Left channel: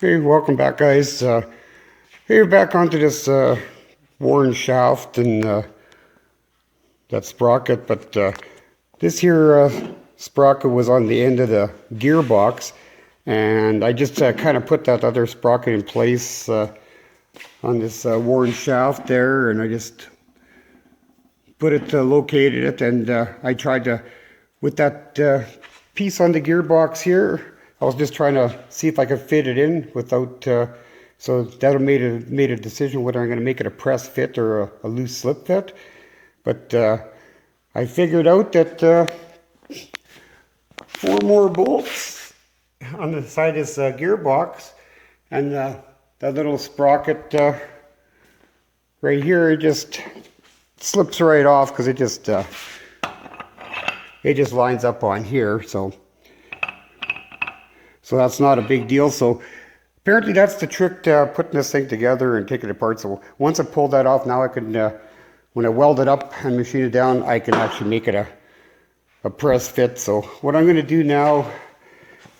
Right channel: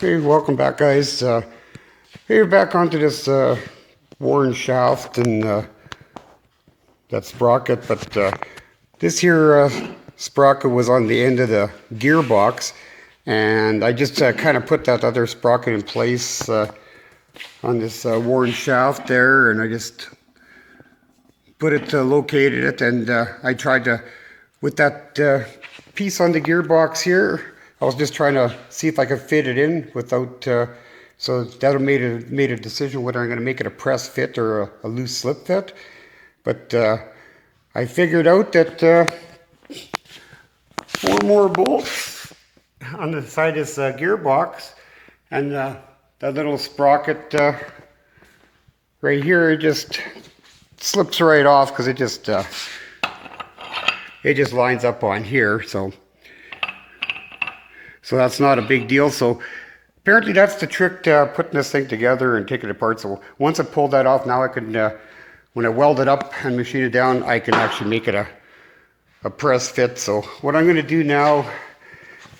Hey, welcome back, guys. Hey, back onto this worn shaft and that sprocket, but this here sprocket was on the end of the gearbox, and I just kind of put that other sprocket in place on this worn shaft there, and I just put it, located it, and I tried to, with that piece on the gearbox here, I was just trying to see if I could fit it in without, so that made a decision whether I'm going to make it a press fit or a loose slip fit. But I figured out that 4 more bolts on the side of this gearbox, and that little sprocket right here, it just slips right off because it just lines up on here. So that's not a big deal. So apparently that's the trick to putting this thing together and taking it apart. So once I pulled that off, now I can, when I weld it up and machine it down, I can actually make it a press fit. So what I'm going to do now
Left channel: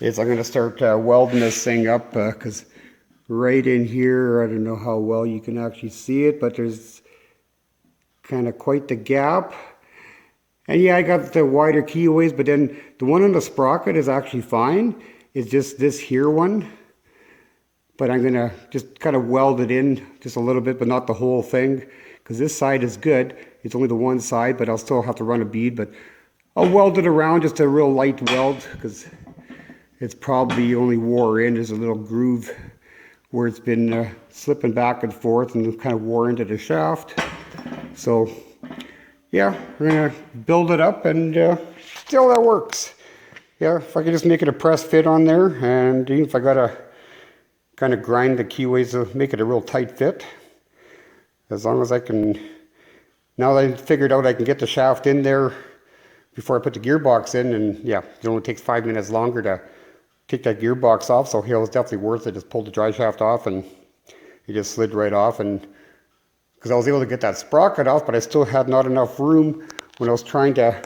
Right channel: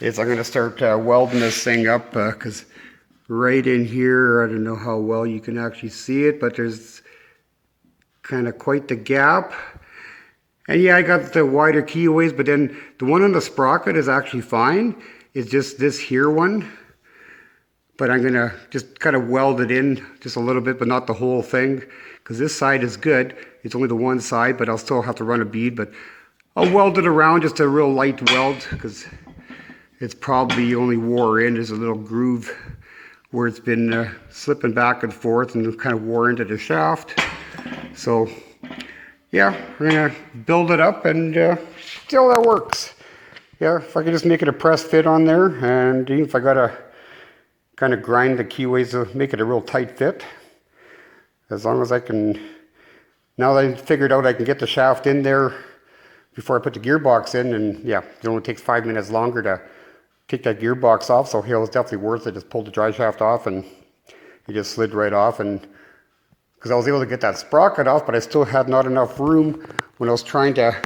is I'm going to start welding this thing up because right in here, I don't know how well you can actually see it, but there's kind of quite the gap. And yeah, I got the wider keyways, but then the one on the sprocket is actually fine. It's just this here one. But I'm gonna just kind of weld it in just a little bit, but not the whole thing, because this side is good. It's only the one side, but I'll still have to run a bead, but I'll weld it around, just a real light weld, because it's probably only wore in. There's a little groove where it's been slipping back and forth and kind of wore into the shaft. So yeah, we're gonna build it up and see how that works. Yeah, if I could just make it a press fit on there, and even if I gotta kind of grind the keyways to make it a real tight fit, as long as I can, now that I figured out I can get the shaft in there before I put the gearbox in, and yeah, it only takes 5 minutes longer to take that gearbox off, so here it's definitely worth it. Just pulled the dry shaft off and it just slid right off, and because I was able to get that sprocket off, but I still had not enough room when I was trying to,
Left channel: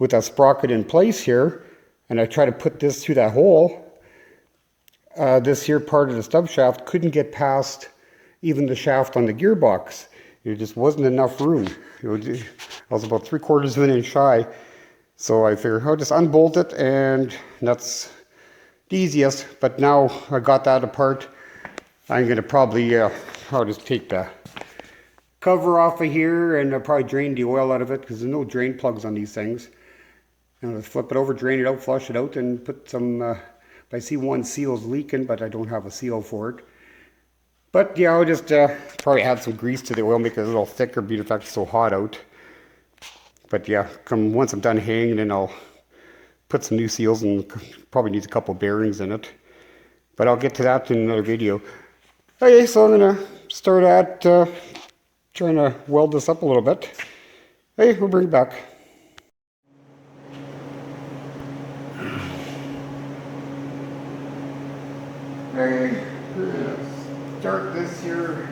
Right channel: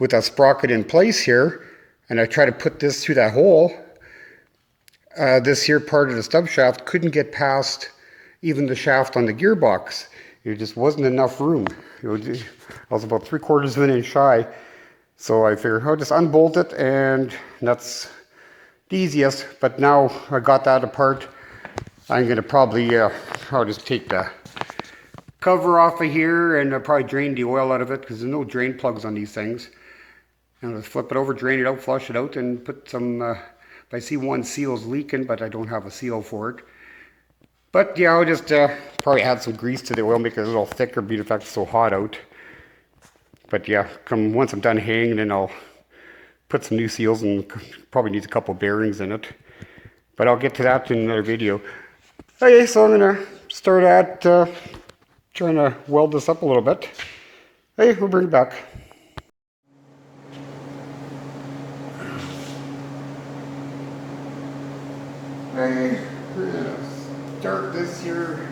with that sprocket in place here, and I tried to put this through that hole. This here part of the stub shaft couldn't get past even the shaft on the gearbox. There just wasn't enough room. I was about 3/4 of an inch shy. So I figured I'll just unbolt it, and that's the easiest. But now I got that apart, I'm going to probably, I'll just take the cover off of here, and I'll probably drain the oil out of it, because there's no drain plugs on these things. And I'll flip it over, drain it out, flush it out, and put some, I see one seal's leaking, but I don't have a seal for it. But yeah, I'll just probably add some grease to the oil, make it a little thicker, being in fact it's so hot out. But yeah, once I'm done hanging, then I'll put some new seals, and probably needs a couple bearings in it. But I'll get to that in another video. Okay, so I'm gonna start at trying to weld this up a little bit. Hey, we'll bring it back. Okay, we're gonna start this here.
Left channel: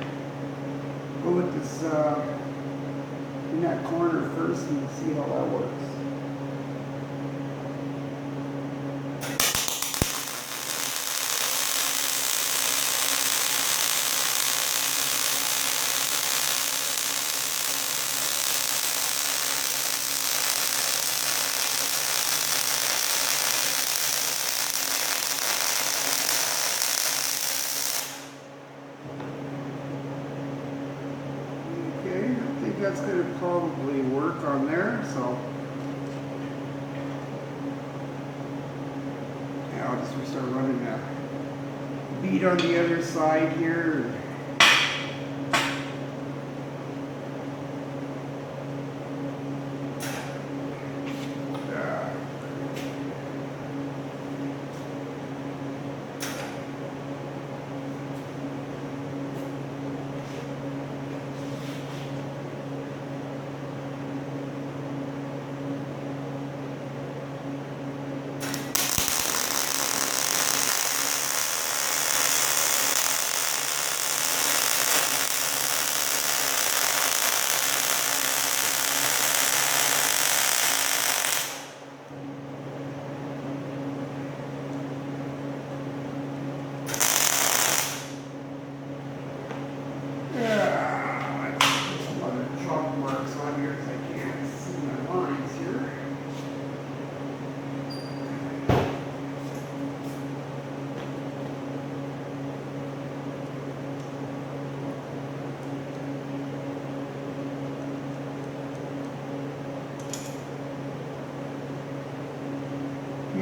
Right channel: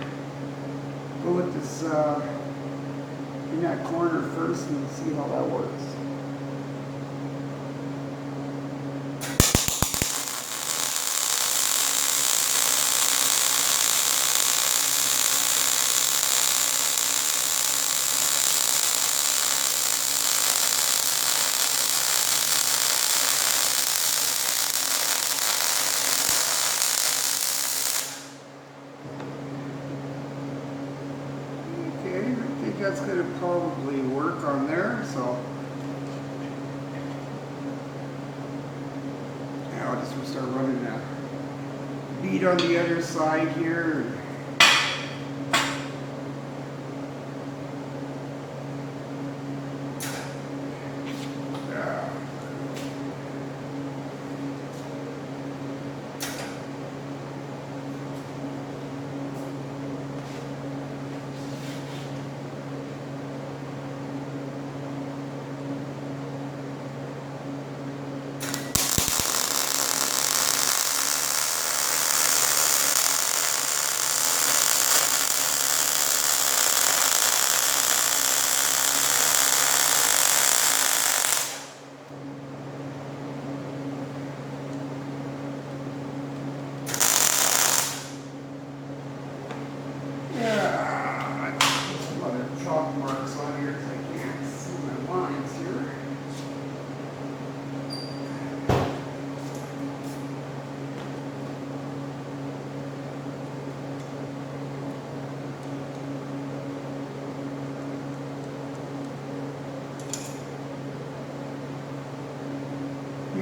Go with this in that corner first and see how that works. That's going to probably work on there, so yeah, I'll just start running a bead on the other side here.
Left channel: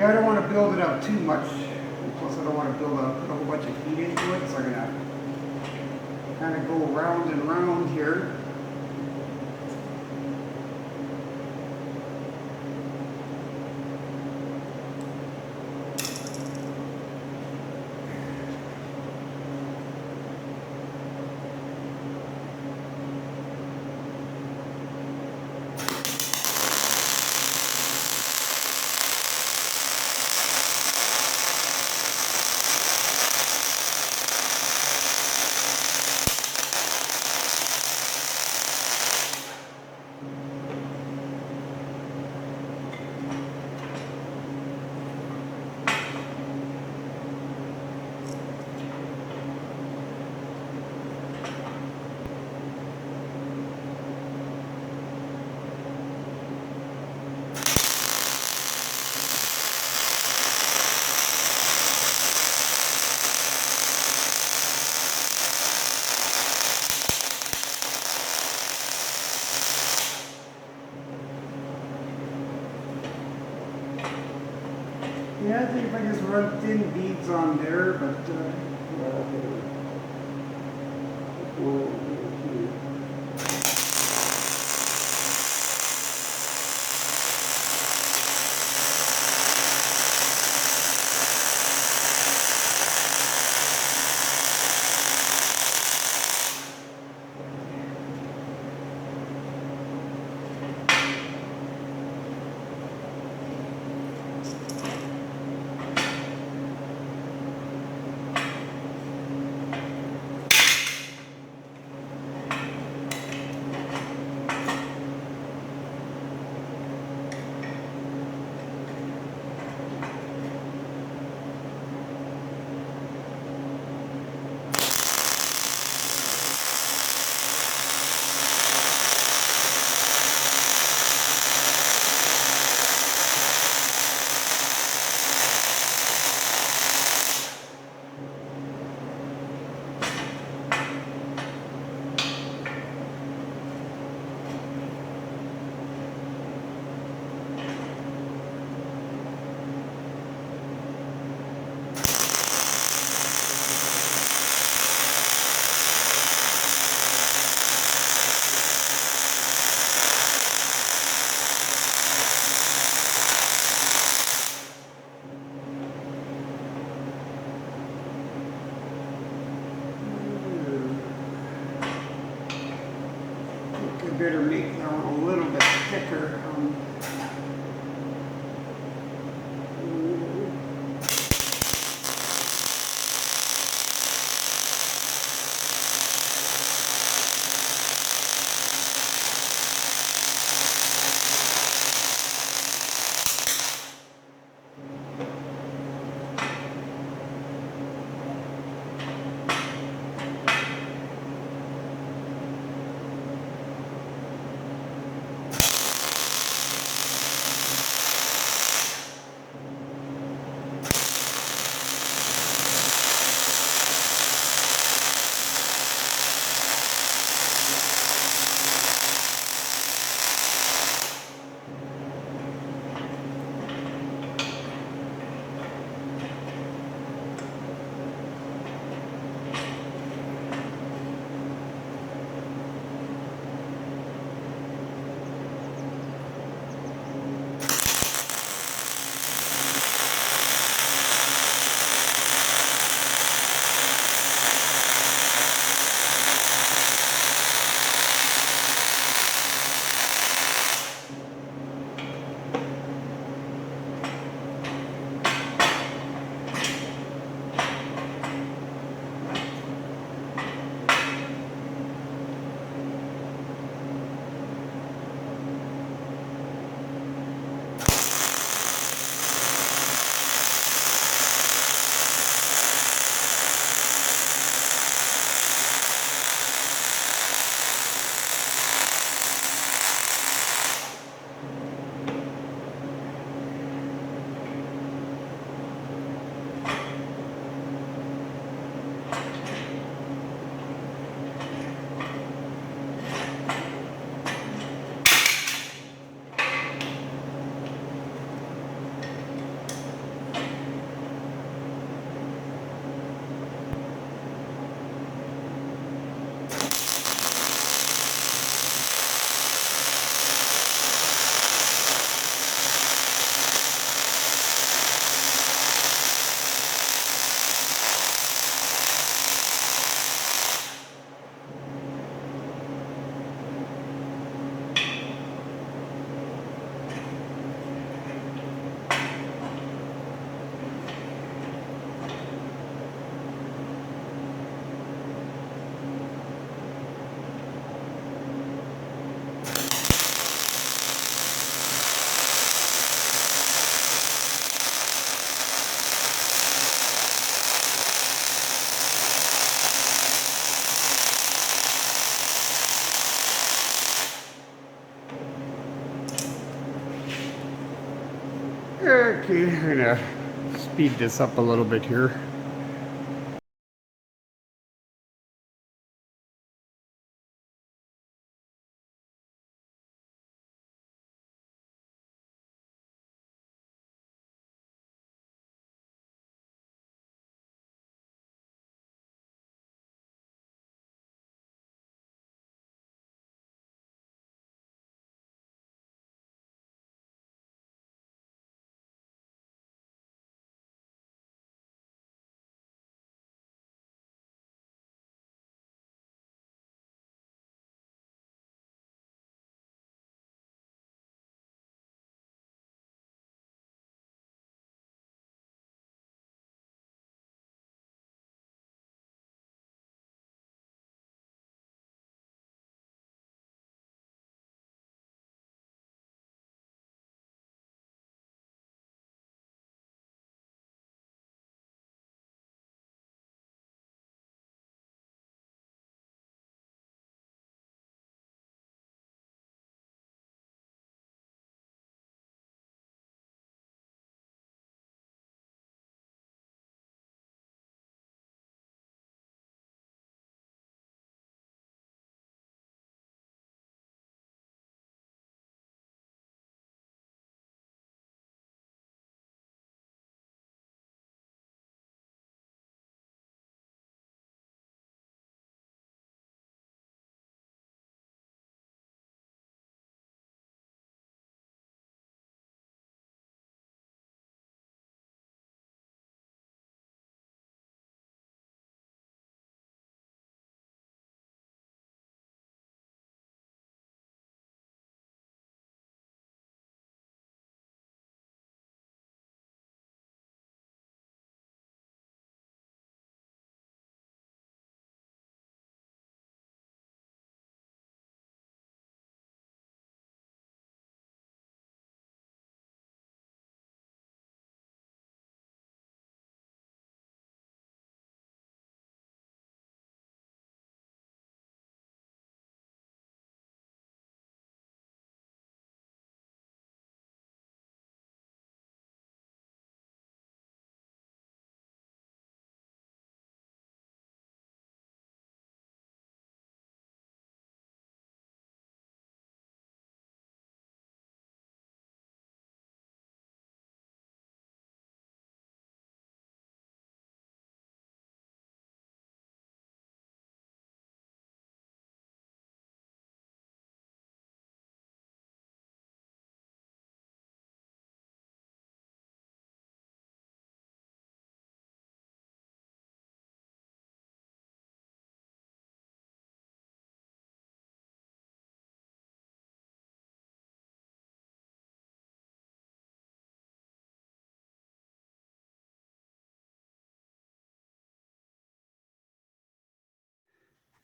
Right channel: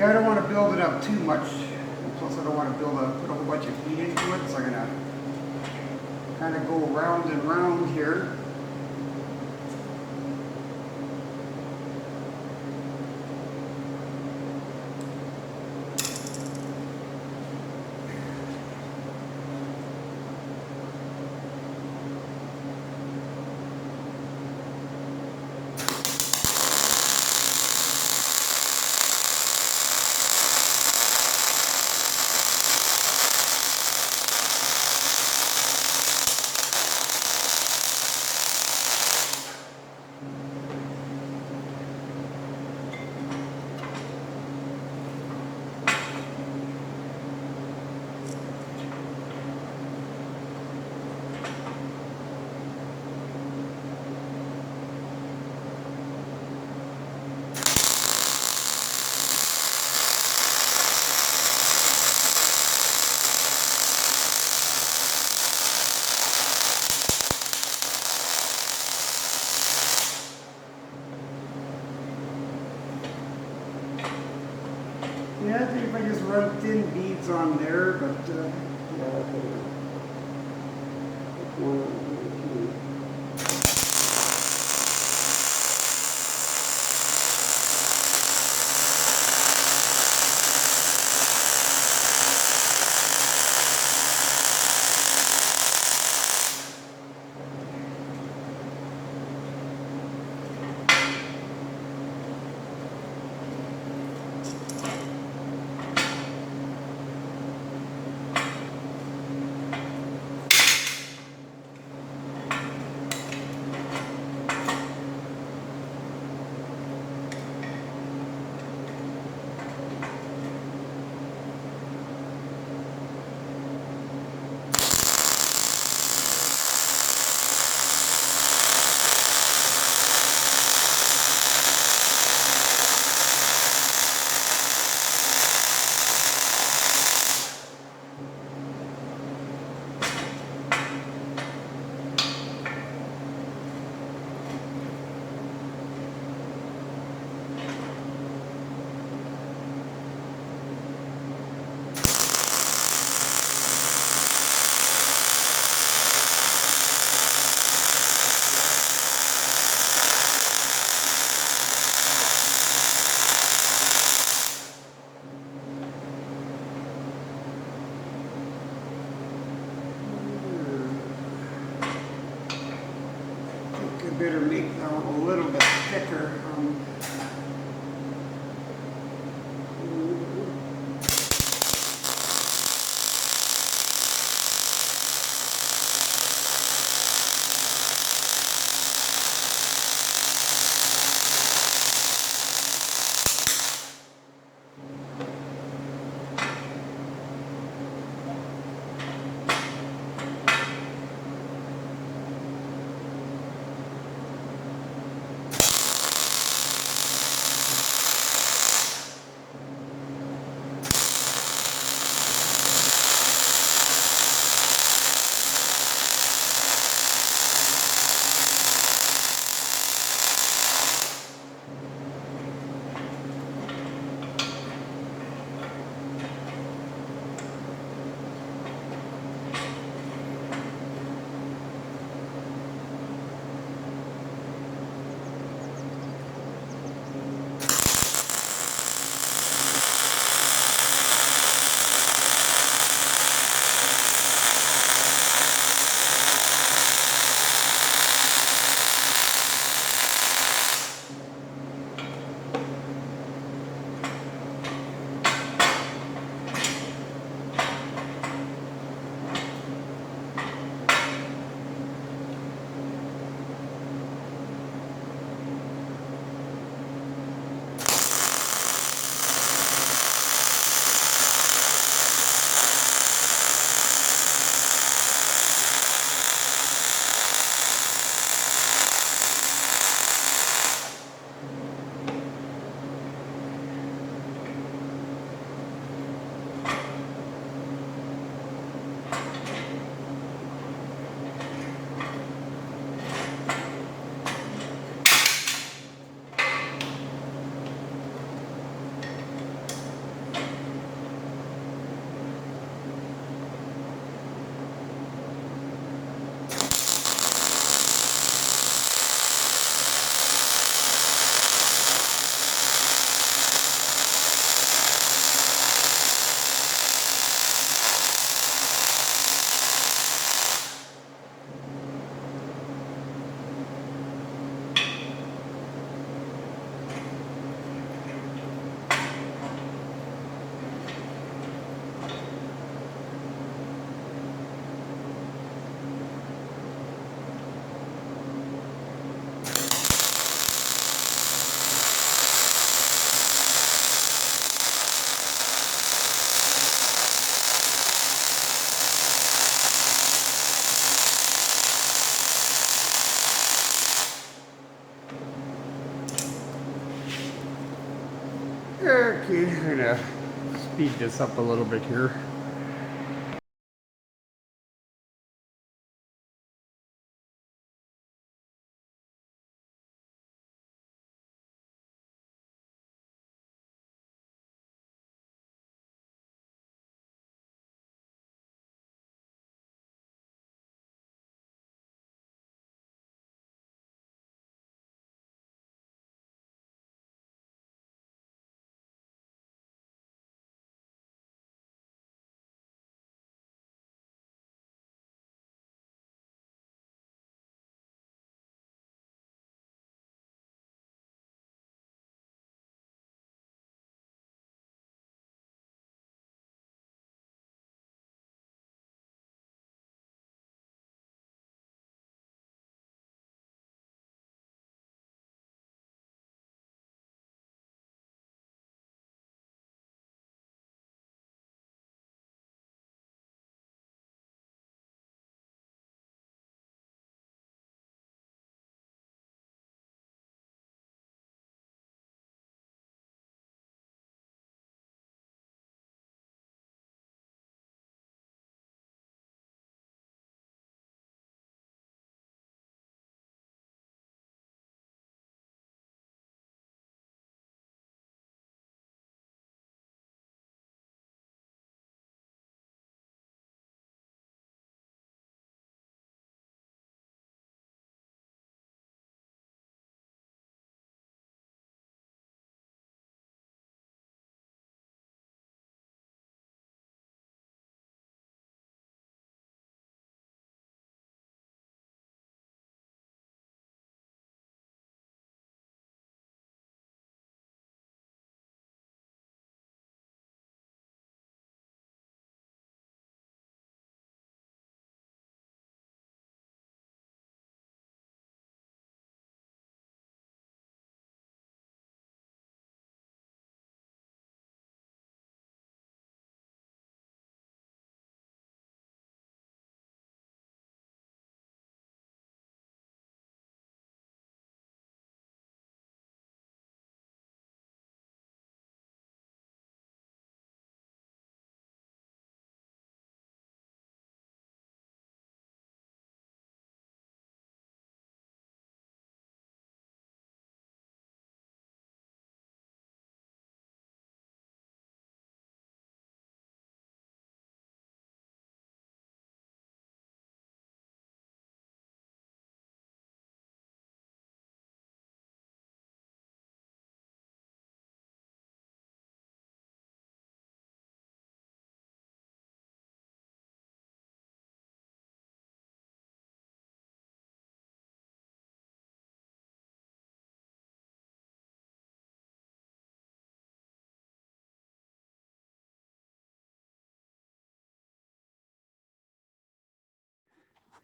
Yeah, I don't want to build it up too much. And plus, I don't want to put a whole bunch of heat into it. So I'm gonna kind of go round and round here. Yeah, I think if I just run thin beads on there, but I better make that one a little bit thicker. I'm gonna speed this up a little bit here.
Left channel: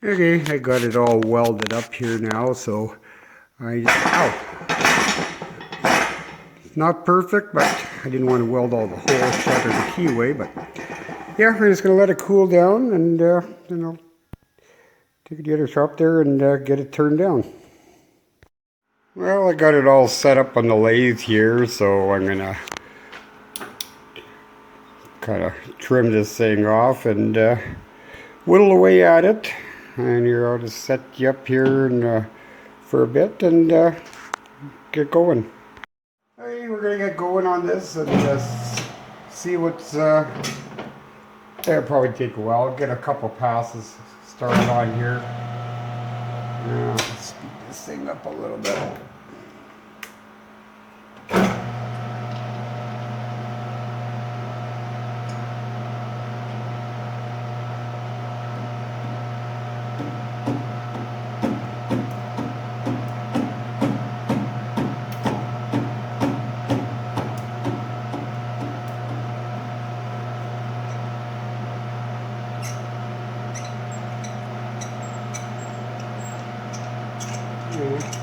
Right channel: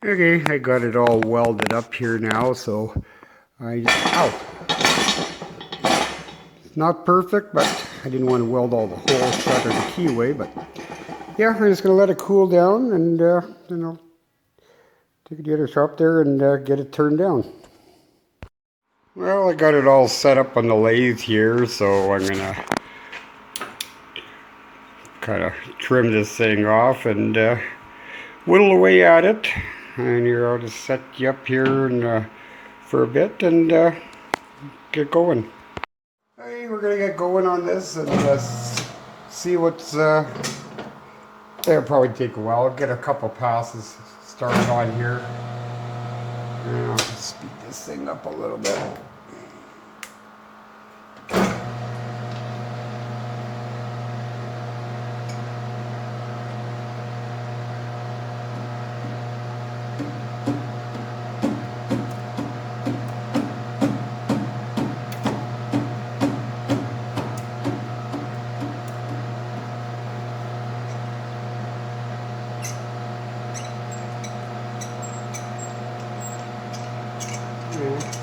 Okay, I got it all welded up here now, so it's not perfect, but I didn't want to weld all the holes shut or the key away, but yeah, I'm just going to let it cool down and then I'll take it to the other shop there and get it turned down. Well, I got it all set up on the lathe here, so I'm going to kind of trim this thing off and whittle away at it. And here, I'll just set you up here and for a bit and get going. Hey, we're gonna get going on this and see what's. It'll probably take a while. I'll get a couple passes started on here. Yeah, I'll speed this thing up a little bit.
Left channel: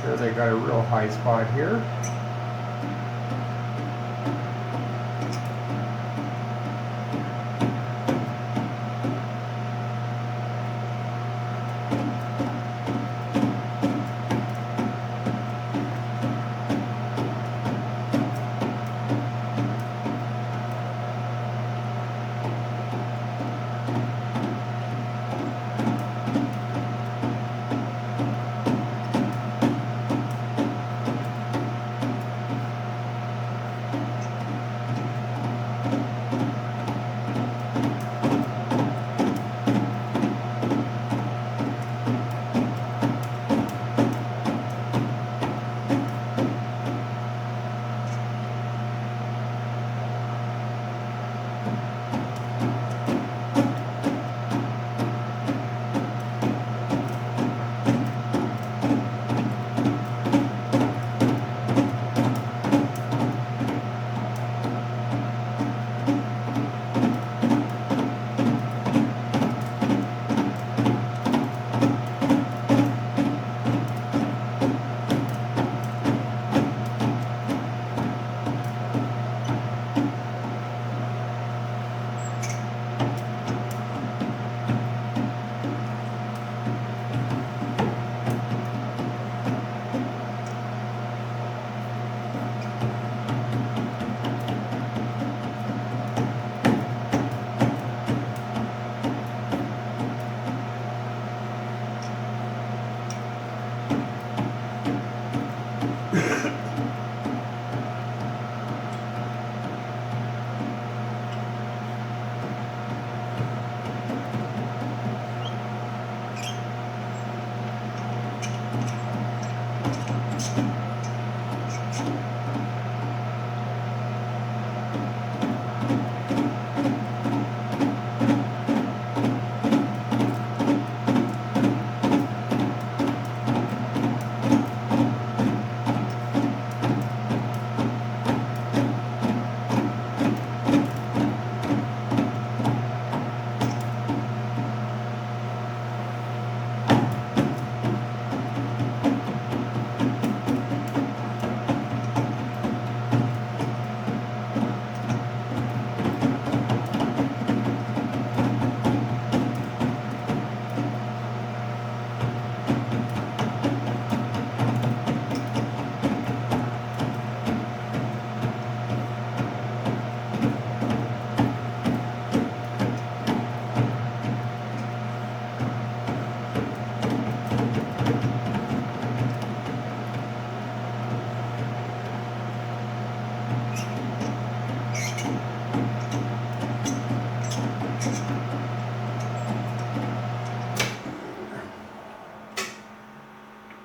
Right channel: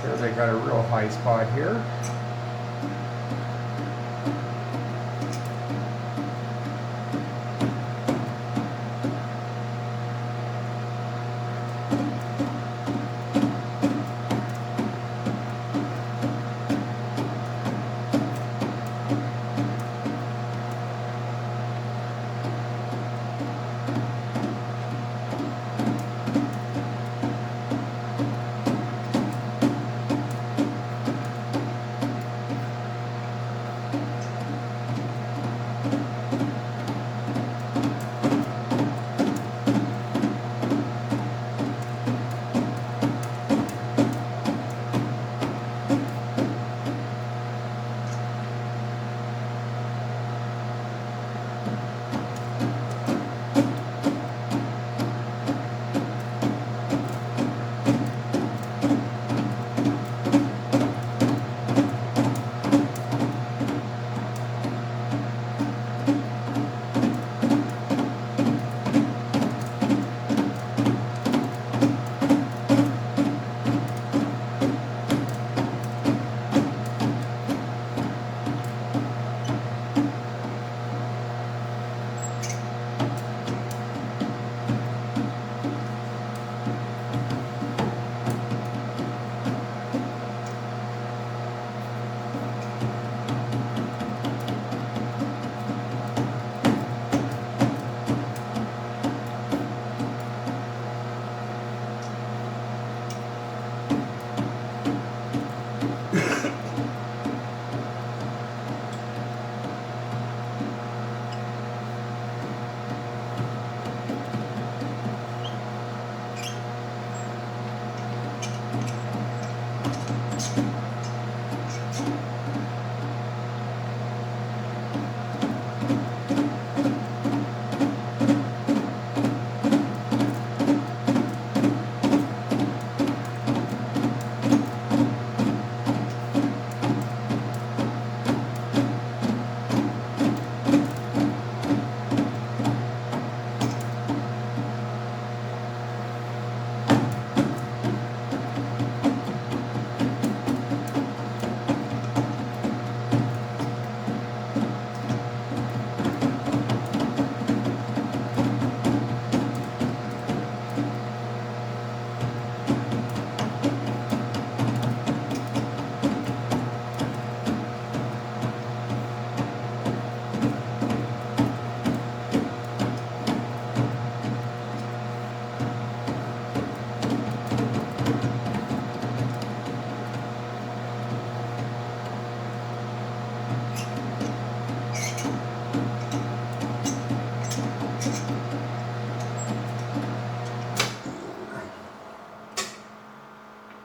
There they got a real high spot here.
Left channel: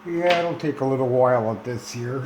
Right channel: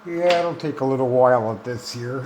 Yeah, it'll take a little while at this here.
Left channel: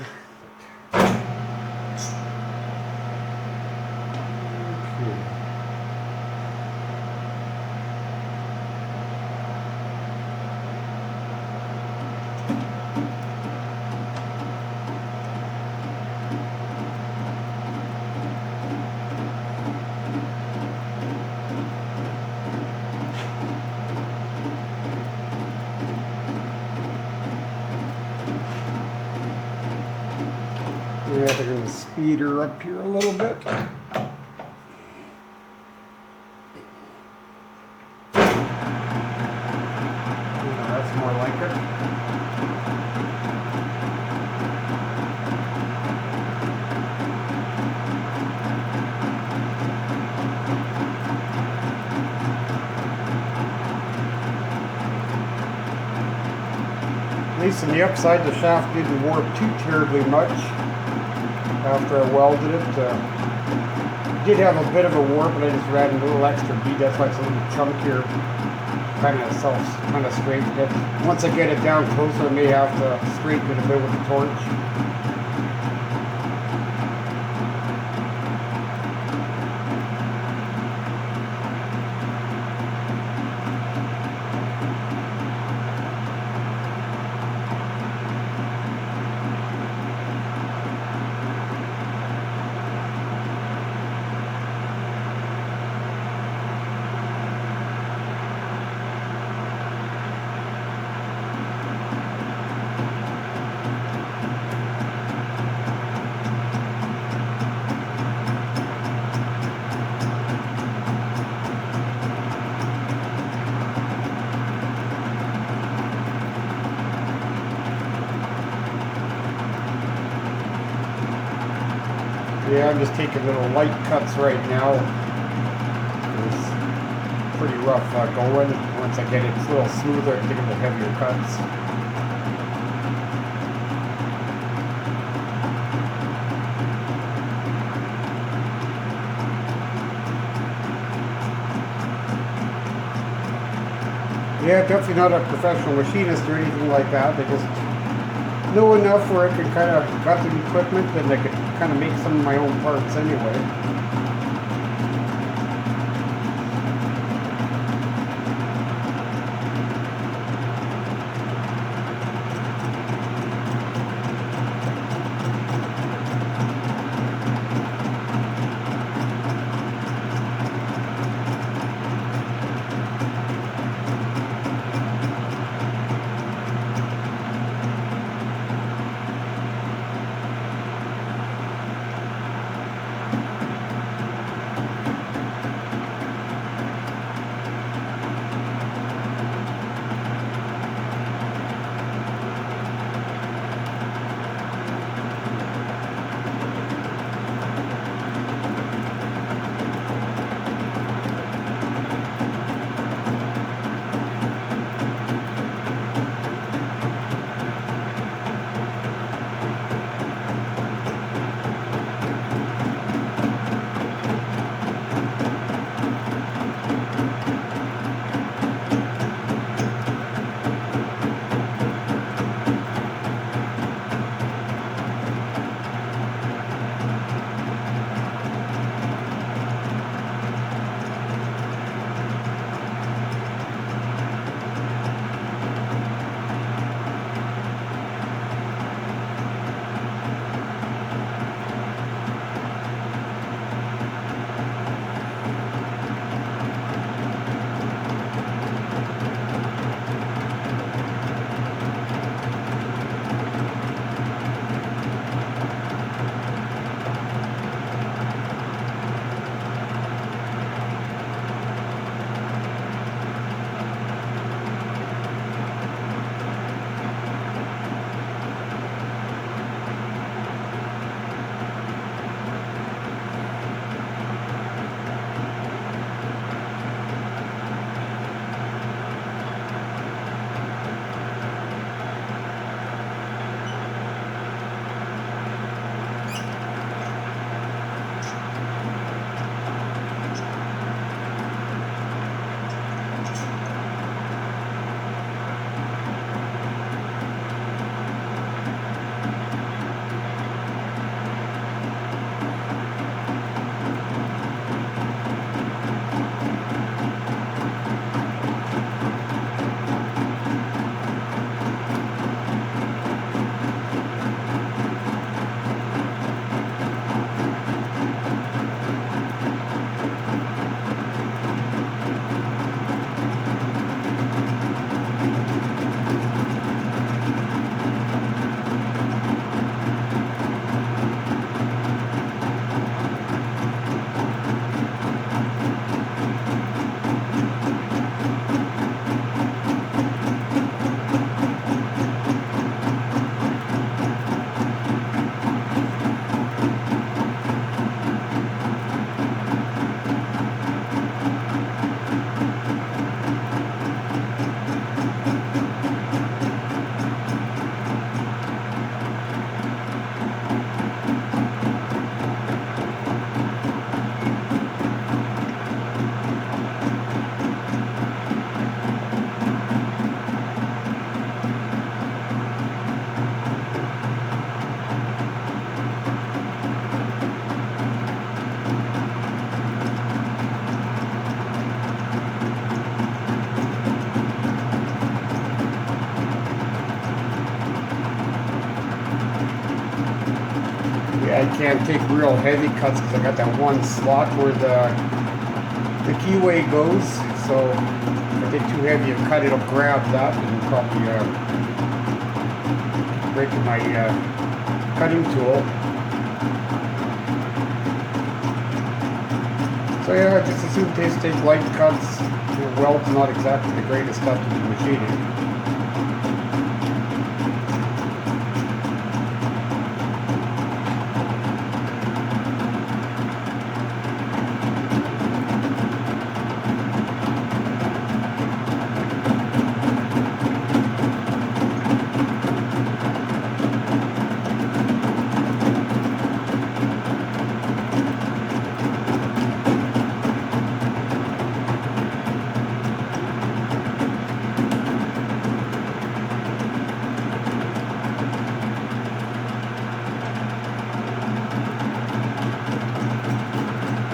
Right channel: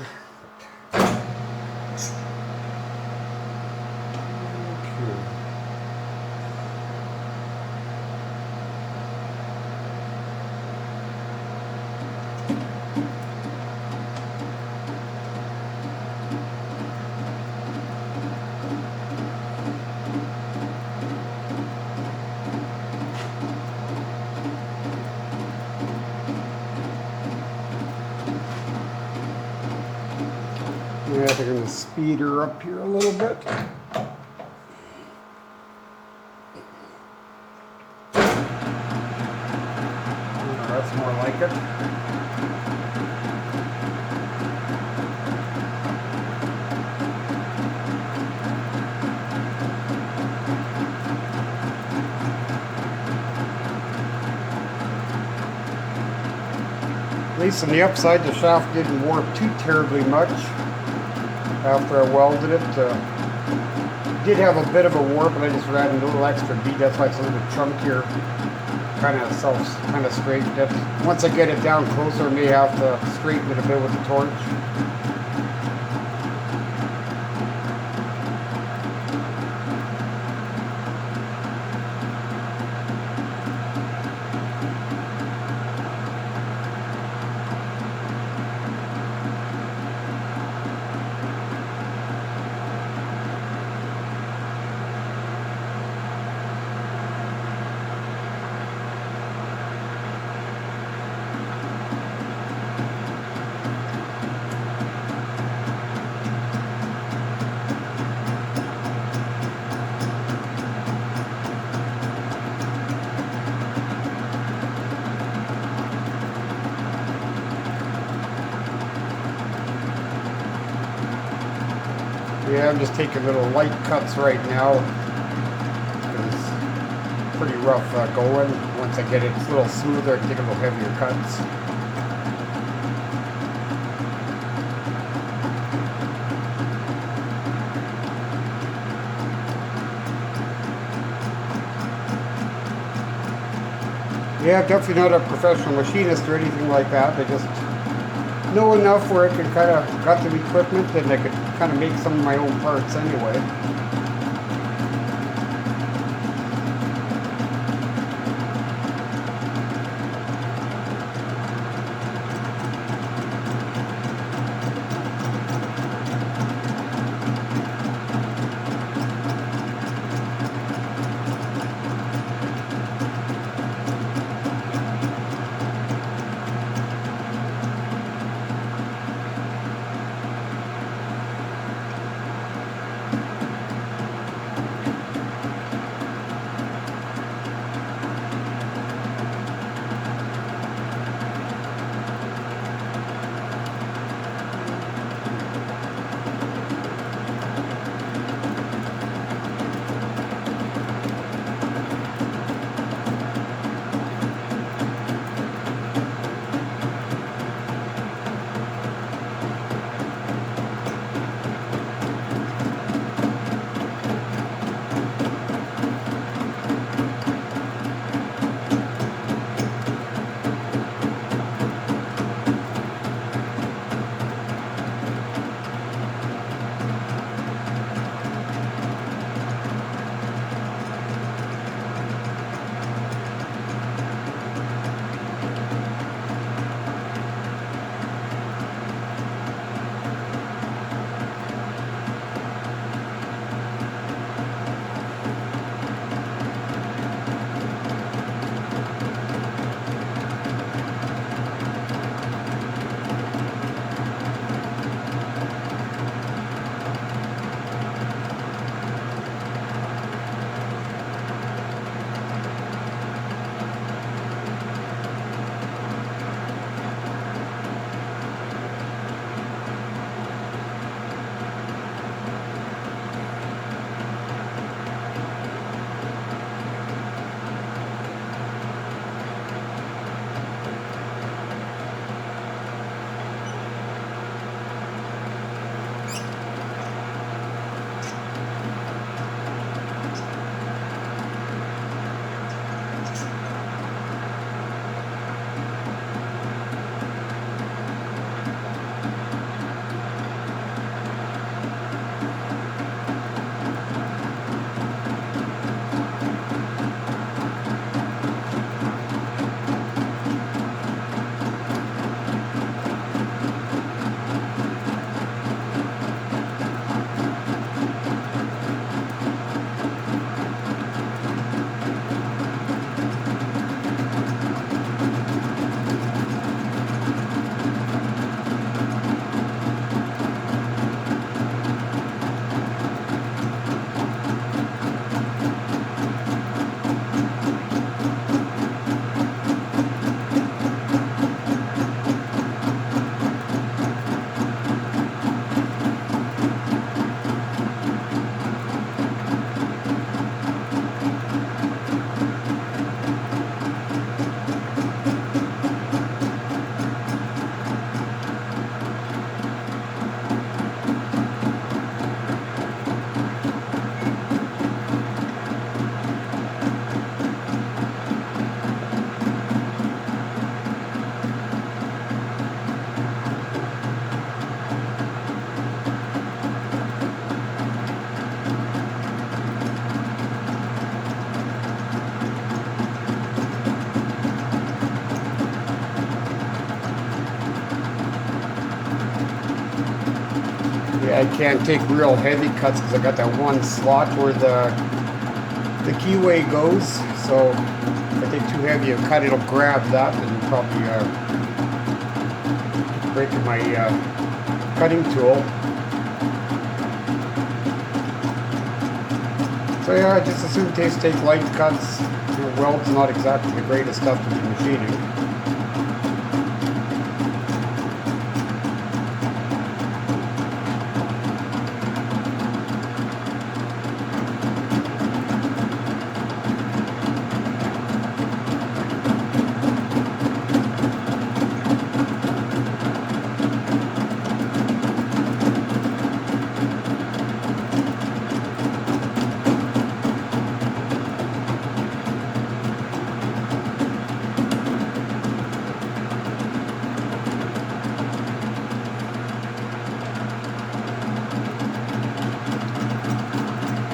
Yeah, they're going to speed her up here a little bit. That's more like it. At least on the upside, the shaft didn't warp too terribly much after I welded it. Did have a bit of a warp, but I just ran a little extra bead. That's why it's a little chunkier, kind of straightened it. Once I get it down closer, I may have to straighten it a bit with the torch. Yeah, I'm just taking little light cuts right now. It's pretty rough going. Once I get it a little smoother, I can take a little heavier cuts. Yeah, definitely not a professional machinist or anything like that. I just know enough where I could kind of cut the equipment and I could kind of make some of my own parts anyway. I can't take real heavy cuts because I got that one slot where the keyway goes. So if I take too heavy a cut, it'll grab that and probably break my cutting tool. So yeah, just as soon as take light cuts. The weld's not exactly the greatest stuff to be machining.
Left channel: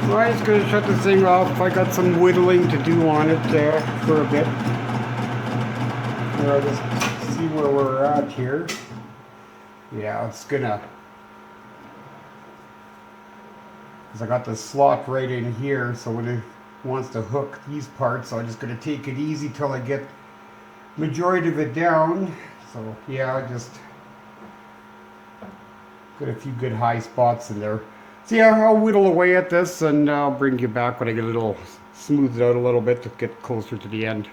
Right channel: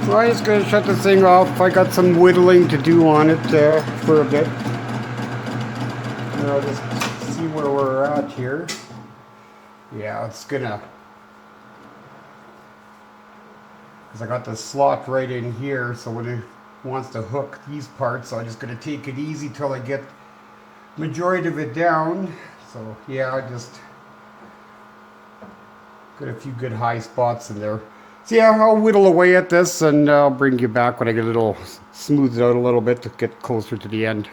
So I'm just going to shut this thing off. I got some whittling to do on it for a bit. I'll just see where we're at here. Yeah, it's gonna, because I got the slot right in here, so when it wants to hook these parts, I'm just going to take it easy till I get majority of it down. So yeah, I just got a few good high spots in there. So yeah, I'll whittle away at this and I'll bring you back when I get a little smoothed out a little bit to get closer to the end.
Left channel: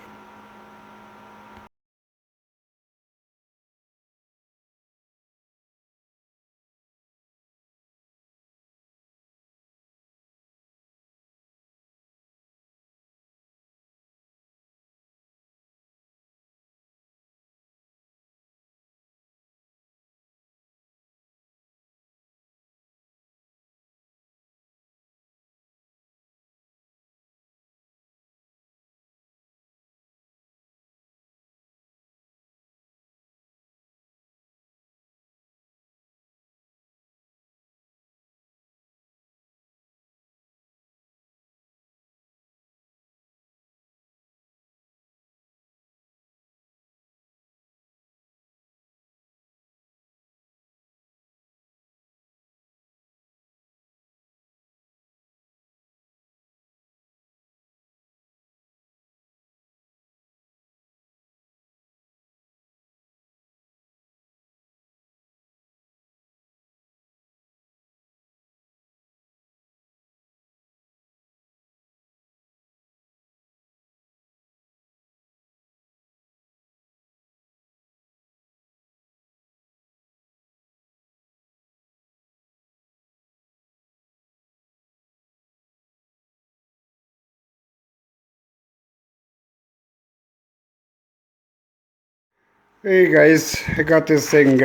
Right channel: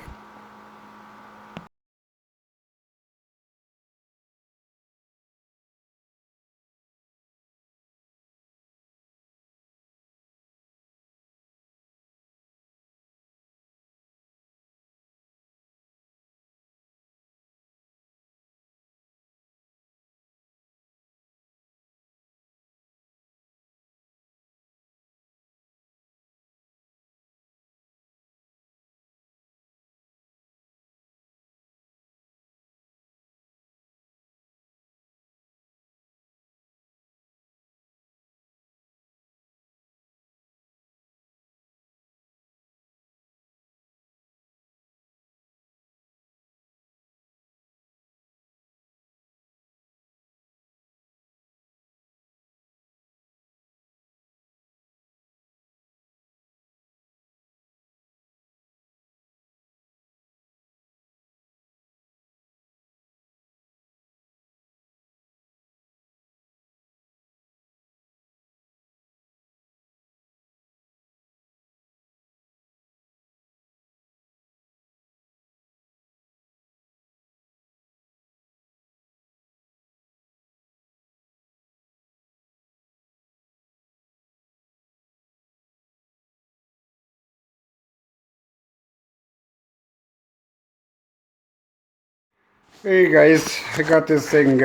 Hey guys, I got this thing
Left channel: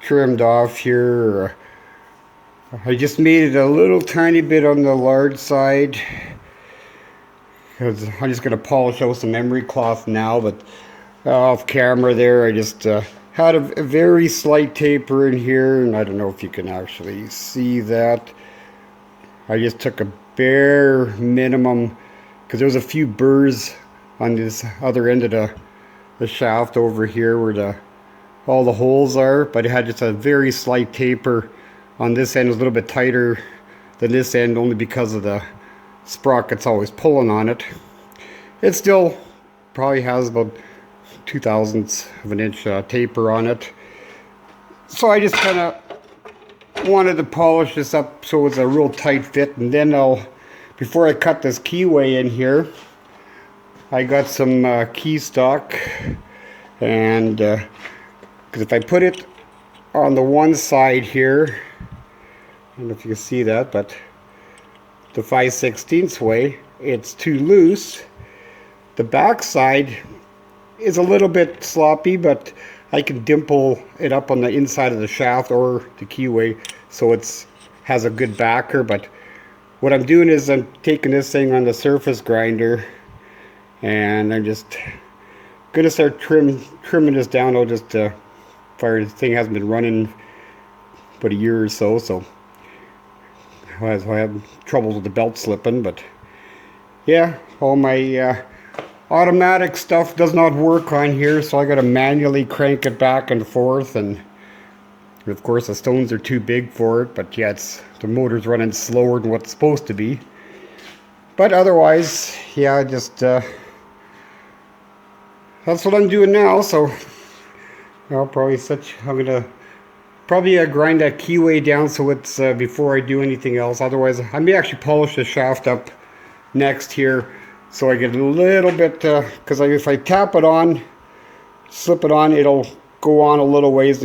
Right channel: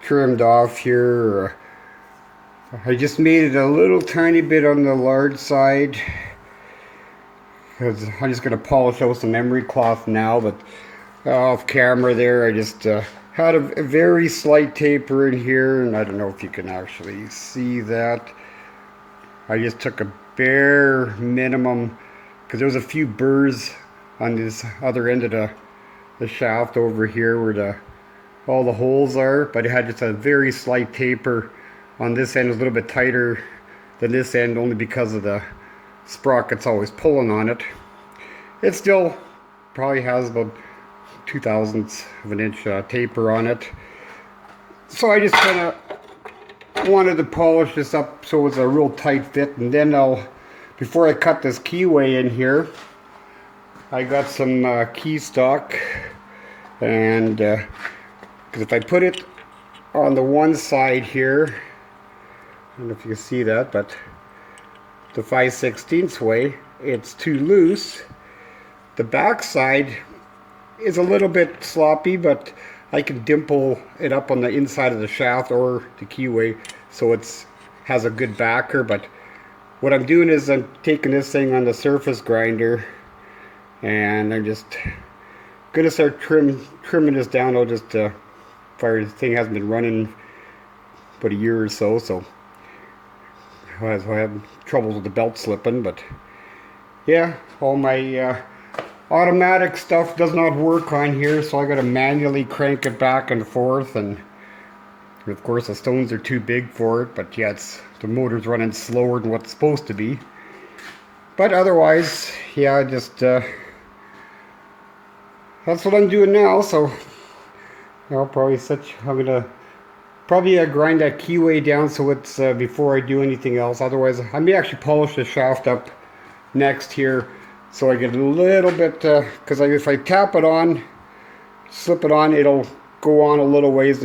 trimmed off here. I just made it a little tiny bit on the large side because I'm just going to polish out some emery cloth now, but off camera there I just had a very slight taper in here, and I don't know if you can actually see that. I just took a bare minimum because there's a few burrs on this other end of the shaft over here where all the holes are, but it had just a very slight taper on this end. It was a little bit tighter than this end only because of the sprockets always pulling on it. It still probably has about 0.02 of an inch taper on it. So I just kind of wanted to polish this up so it's a real tight fit, and then before I cut this keyway in here, I got some key stock, and because if I put it on the one side here, I don't know if you can see that, but the 5/16 way, it's too loose. The back side is a little bit sloppy, but I can dimple it up on the inside of the shaft or the keyway so it's has a good backer. But what I'm doing is I'm taking this thing on the surface grinder, and I'm just gonna start trimming this down. I'll just fire, the thing hasn't been running but a year or so, so I have trouble with the belt slipping. But yeah, all my automatic stuff does not work on here, so I gotta manually crank it back and forth, and And of course the stones are too big for it, but yeah, the motor's running slower than what's supposed to be. But otherwise, yeah, just that's what I'm doing now. So I'll probably I'm gonna probably grind that keyway down so it's before I do anything else. Otherwise, I may actually polish the shaft up next here, so I get a little bit, because if I tap it on, slip it on, it'll go on a little ways,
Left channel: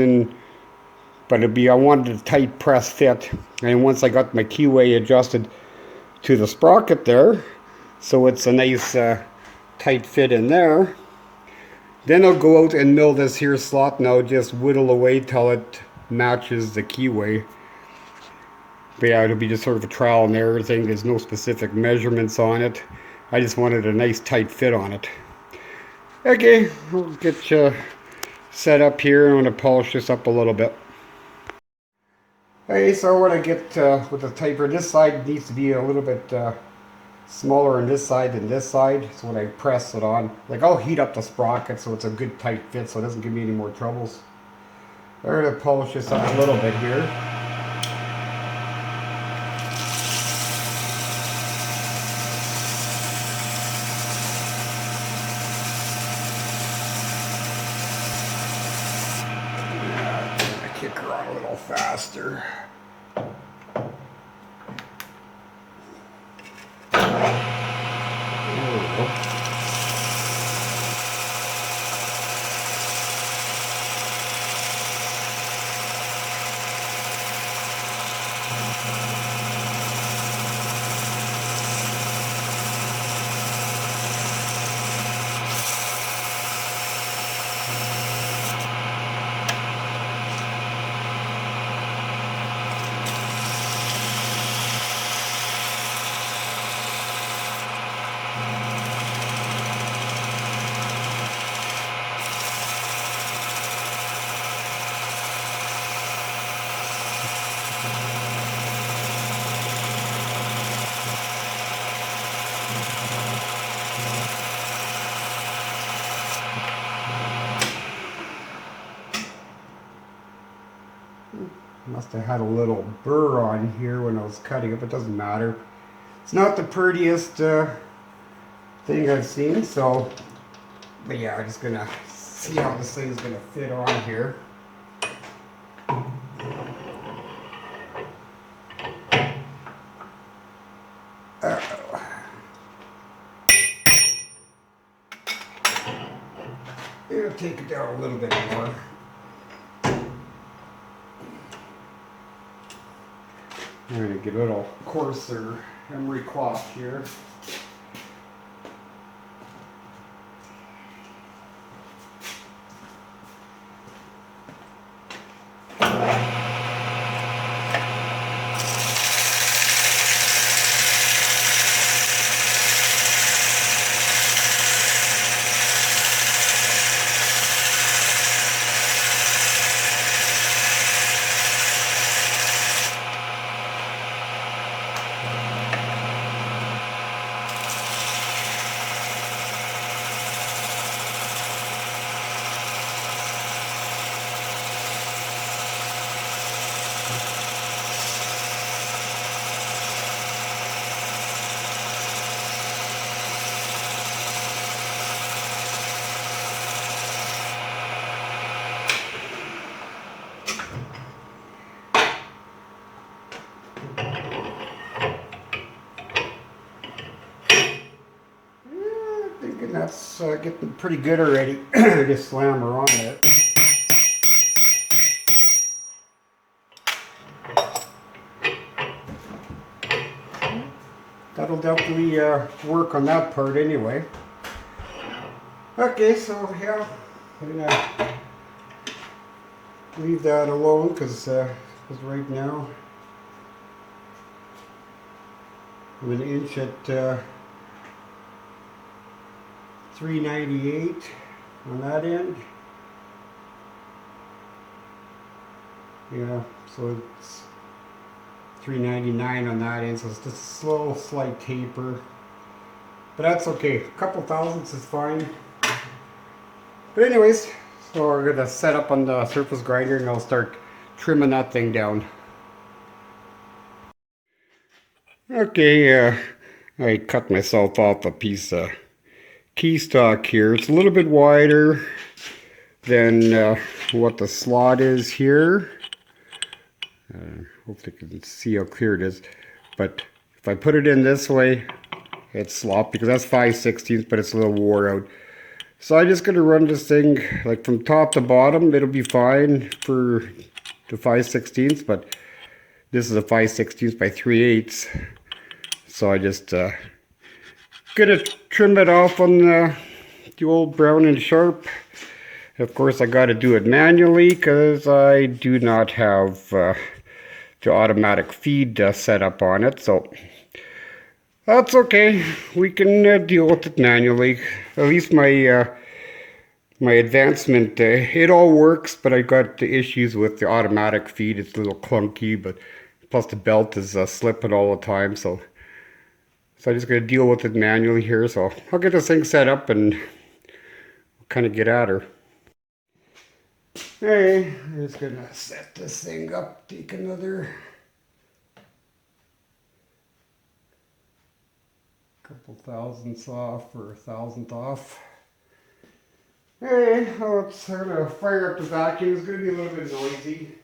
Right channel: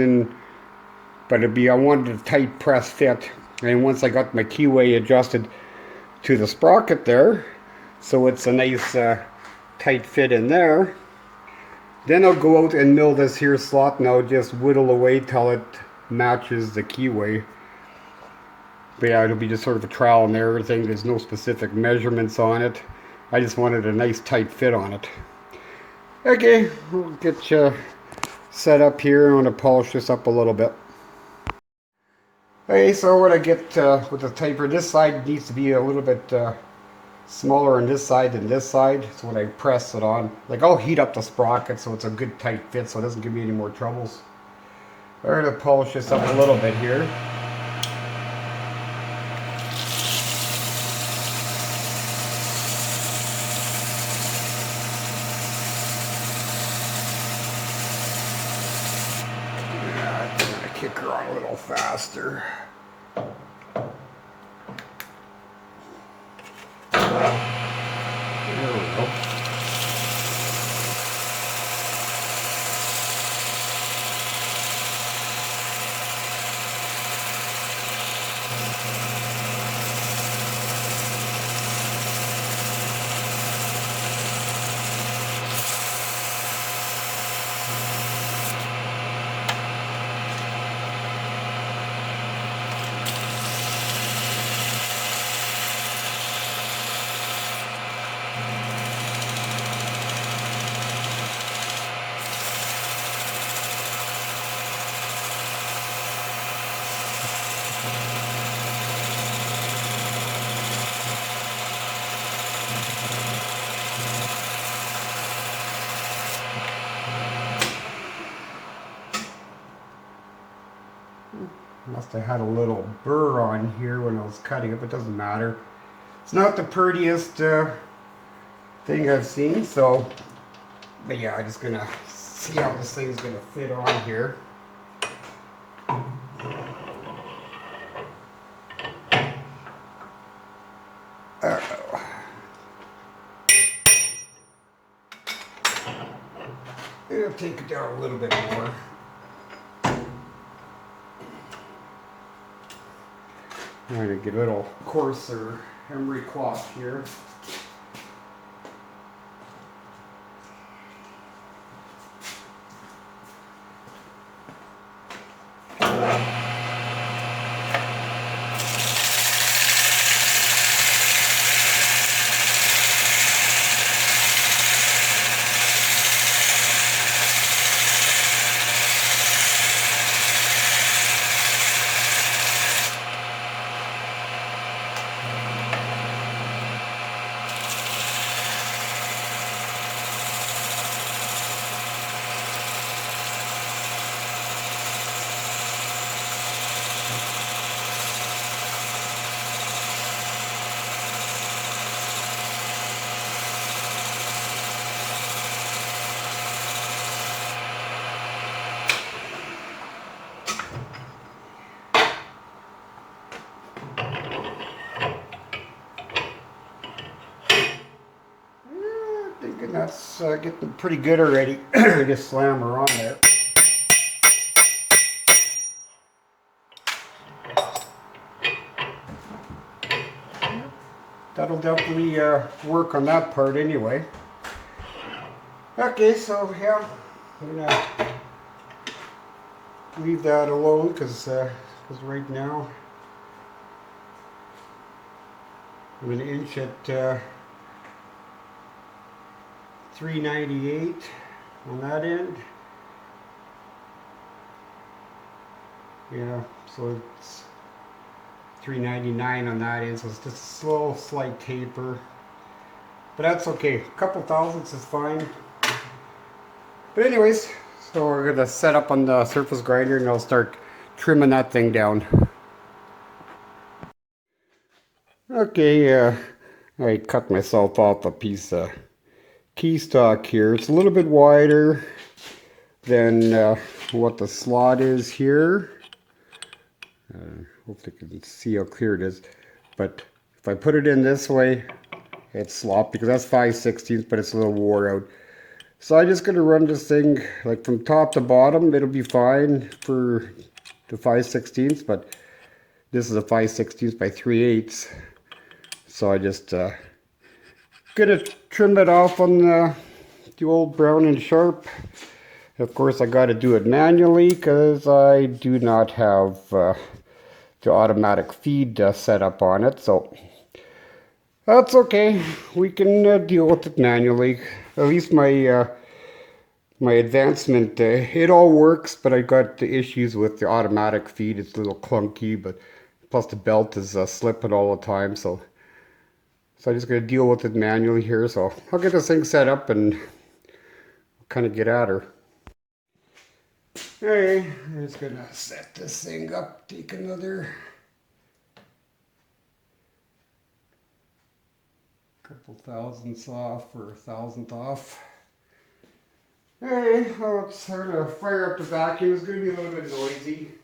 but I wanted a tight press fit. And once I got my keyway adjusted to the sprocket there, so it's a nice tight fit in there, then I'll go out and mill this here slot, and I'll just whittle away till it matches the keyway. But yeah, it'll be just sort of a trial and error thing. There's no specific measurements on it. I just wanted a nice tight fit on it. Okay, we'll get you set up here. I'm going to polish this up a little bit. Okay, so what I get with the taper, this side needs to be a little bit smaller on this side than this side. So when I press it on, like, I'll heat up the sprocket so it's a good tight fit so it doesn't give me any more troubles. I'm going to polish this up a little bit here. Kick her on a little faster. There we go. Must have had a little burr on here when I was cutting it, but it doesn't matter. It's not the prettiest thing I've seen, so, but yeah, I'm just gonna see how this thing's gonna fit on here. It'll take it down a little bit more. I'm going to get a little coarser emery cloth here. And that's getting pretty good already. Just slam her on there. That'll definitely work on that part anyway. Okay, so yeah, I'm gonna leave that alone because right now I'm an inch at 398 on that end. Yeah, so it's 399 on that end, so it's just a slow, slight taper. But that's okay. A couple thousandths is fine. But anyways, so we're gonna set up on the surface grinder and I'll start trimming that thing down. Okay, I cut myself off a piece of key stock here. It's a little bit wider than what the slot is here. Hope you can see how clear it is. But if I put it in this way, it's sloppy because that's 5/16, but it's a little wore out. So I'm just going to run this thing like from top to bottom. It'll be fine for the 5/16, but this is a 5/16 by 3/8. So I just gonna trim it off on the old Brown and Sharp. Of course, I got to do it manually because I do not have the automatic feed set up on it. So that's okay. We can deal with it manually. At least my my advancement, it all works, but I got the issues with the automatic feed. It's a little clunky, but plus the belt is slipping all the time. So I'm just going to deal with it manually here. So I'll get this thing set up and kind of get at her. Okay, I'm just going to set this thing up, take another couple thousandths off or 1,000th off. Okay, well, I'm going to fire up the vacuum. It's going to be a little bit noisy.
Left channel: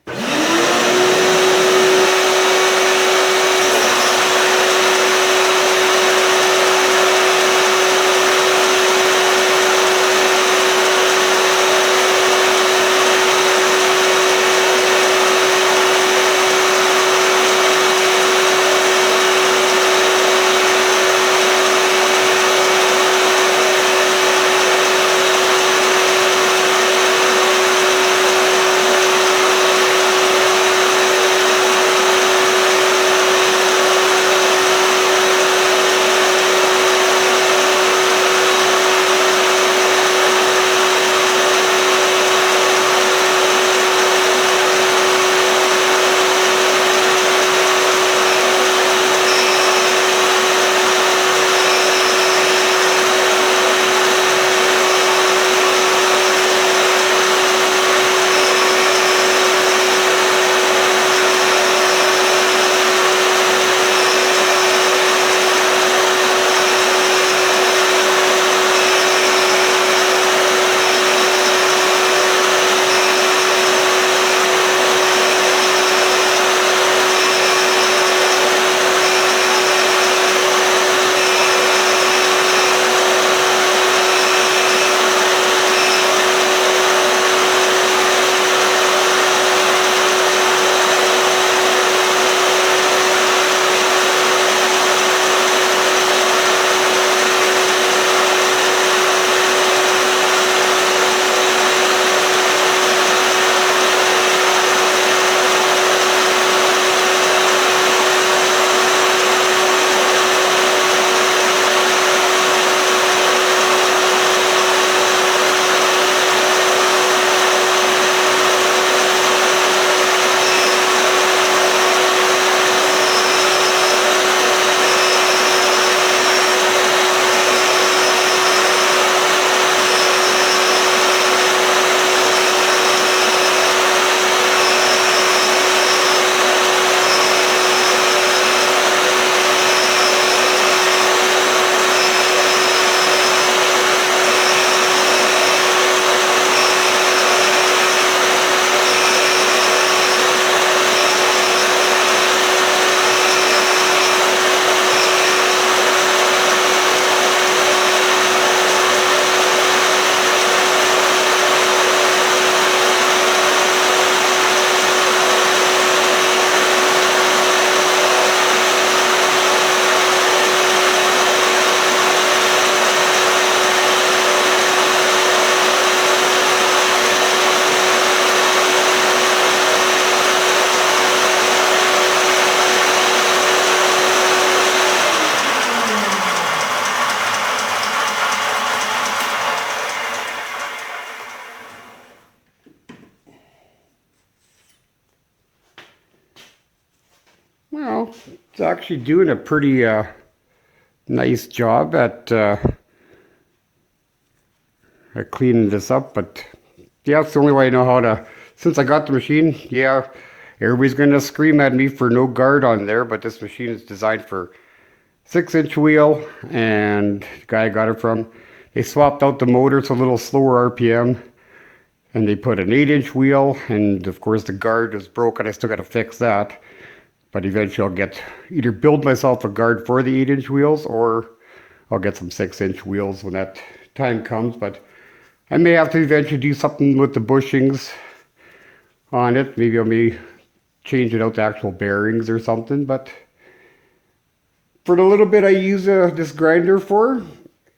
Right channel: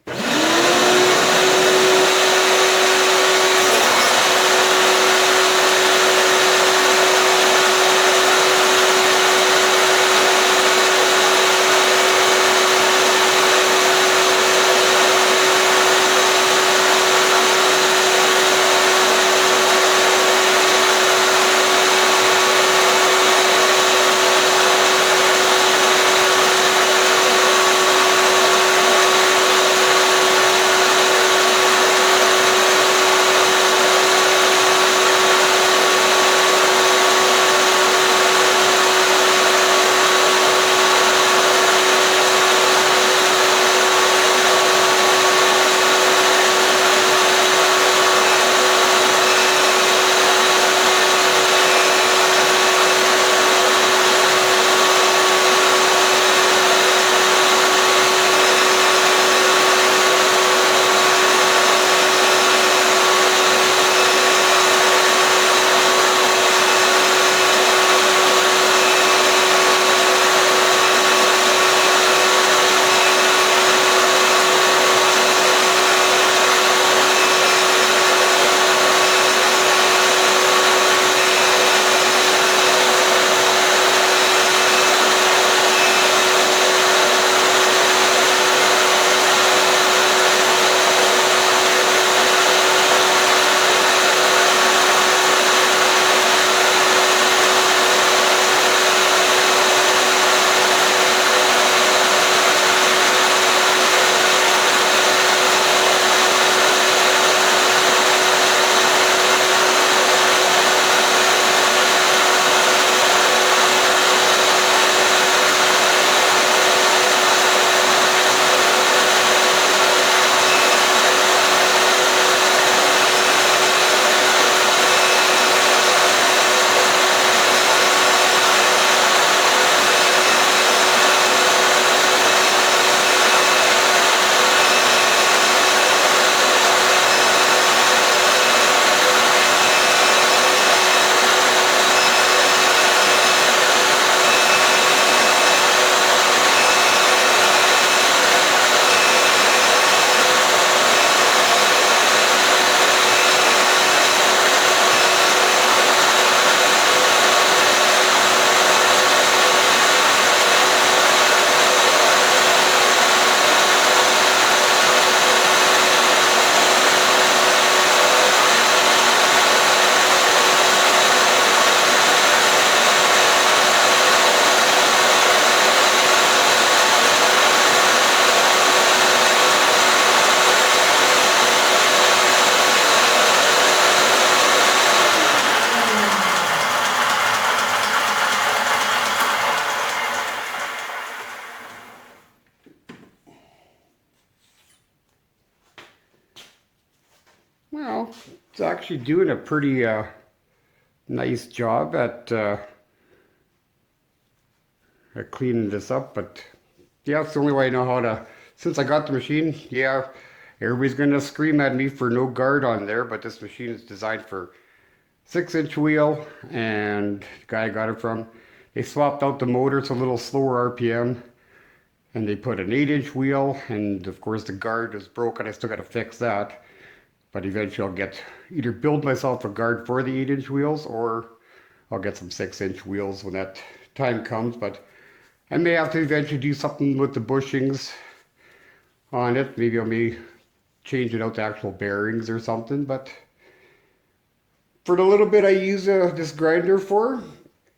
Well, it's actually doing a pretty nice job at cleaning this up, but yeah, it's the only way I know how to since I got the machine, yeah, everybody's gonna scream at me for no guard on there, but this machine is designed for 6-inch wheel, and the guy I got it from, they swapped out the motor, it's a little slower RPM, and they put an 8-inch wheel, and of course the guard is broken. I still got to fix that, but eventually I'll get either build myself a guard for the 8-inch wheels, or I'll get some 6-inch wheels when that time comes. But I may have to eventually do something with the bushings on it. Maybe I may change it out to actual bearings or something. But for the little bit I use this grinder for,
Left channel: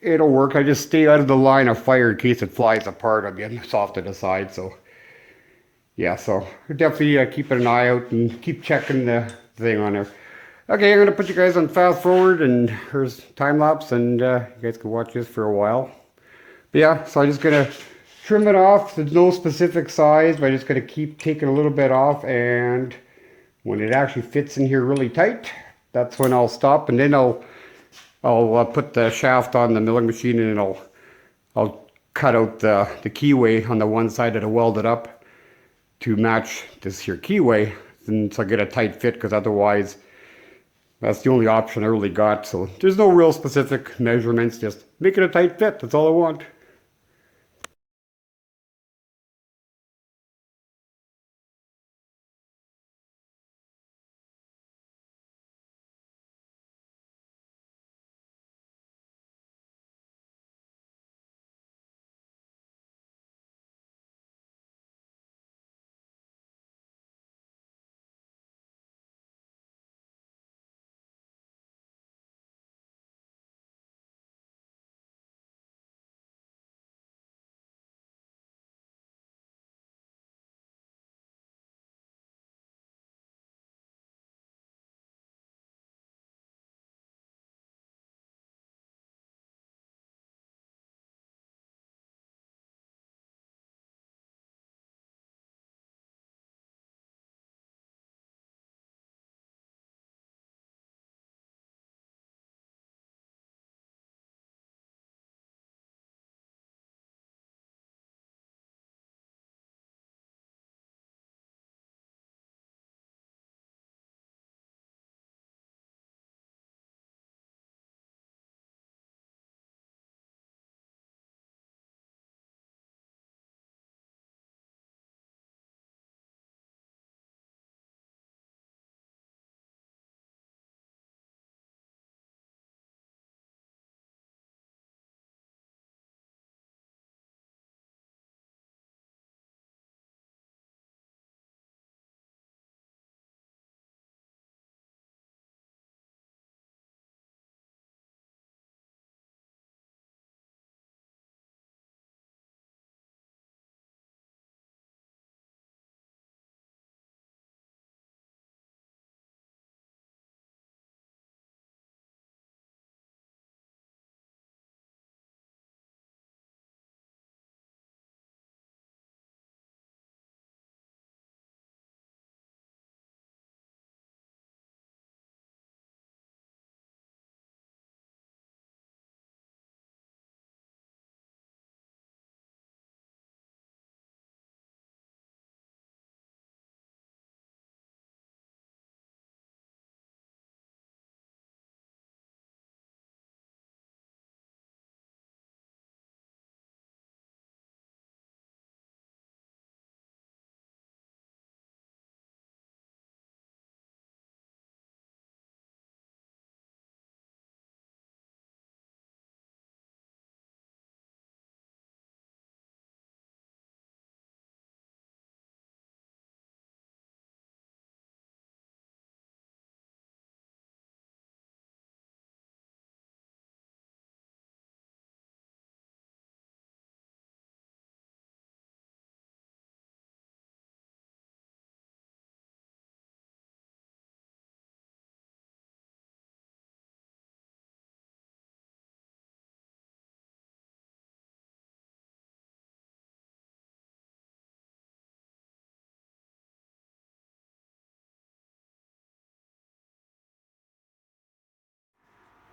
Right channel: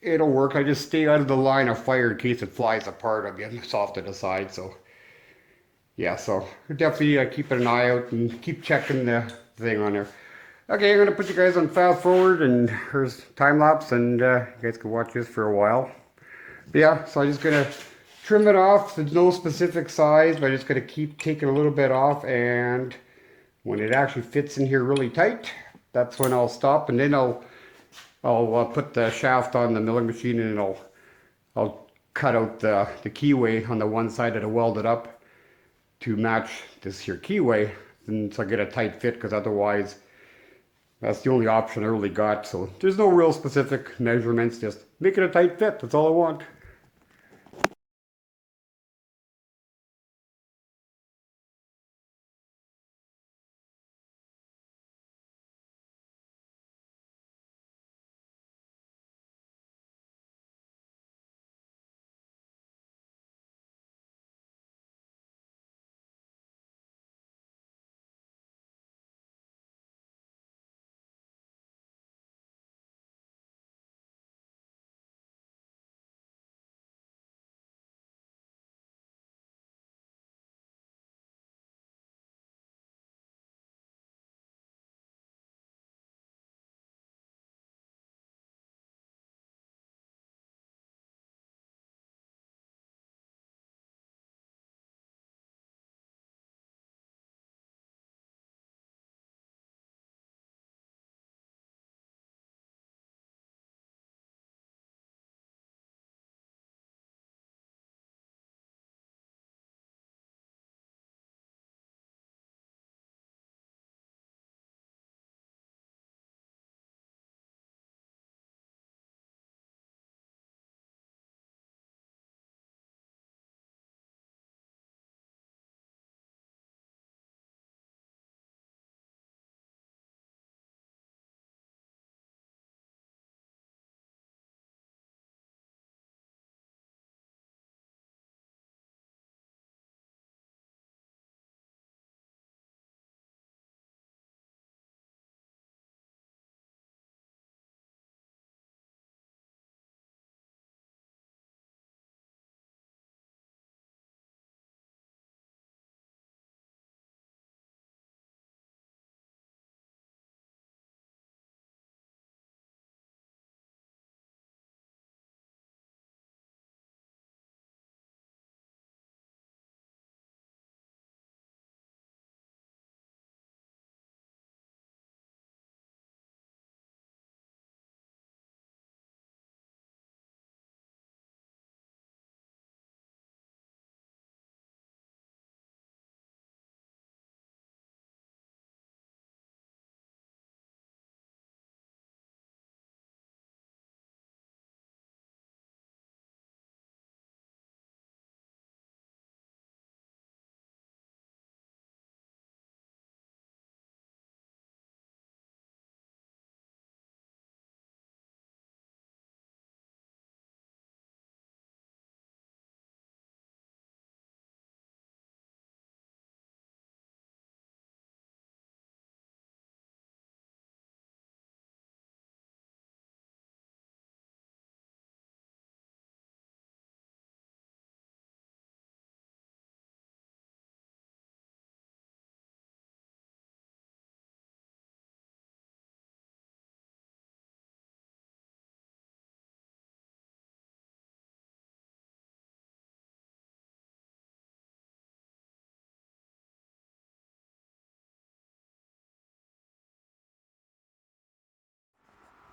it'll work. I just stay out of the line of fire in case it flies apart. I'm getting off to the side. So yeah, so definitely keep an eye out and keep checking the thing on there. Okay, I'm going to put you guys on fast forward, and here's time lapse, and you guys can watch this for a while. But yeah, so I'm just going to trim it off. There's no specific size, but I'm just going to keep taking a little bit off, and when it actually fits in here really tight, that's when I'll stop, and then I'll put the shaft on the milling machine, and I'll cut out the keyway on the one side that I welded up to match this here keyway, and so I get a tight fit, because otherwise that's the only option I really got. So there's no real specific measurements, just make it a tight fit. That's all I want.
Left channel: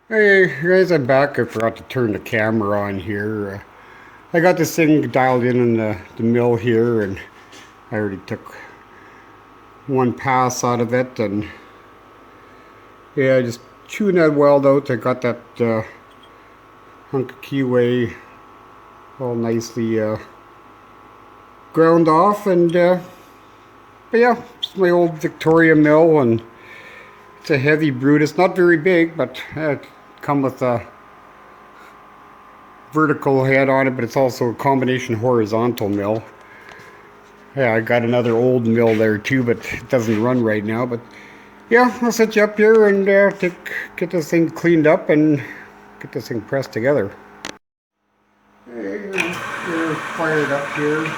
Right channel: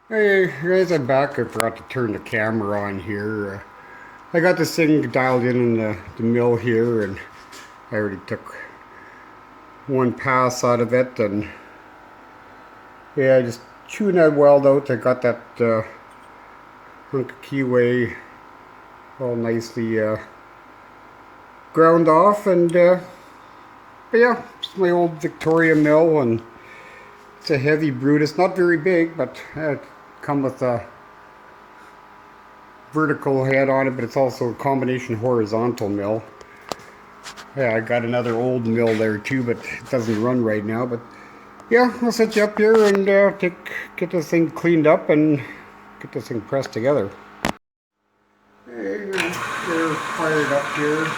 Hey guys, I'm back. I forgot to turn the camera on here. I got this thing dialed in the mill here, and I already took one pass out of it, and yeah, just chewing that weld out. I got that hunk of keyway all nicely ground off, and but yeah, it's my old Victoria mill, and it's a heavy brute. It's not very big, but it comes with a vertical head on it, but it's also a combination horizontal mill. Yeah, I got another old mill there too, but it doesn't run right now. But yeah, I'll set you up here and get this thing cleaned up and get this thing pressed together. Hey, you're fired up here.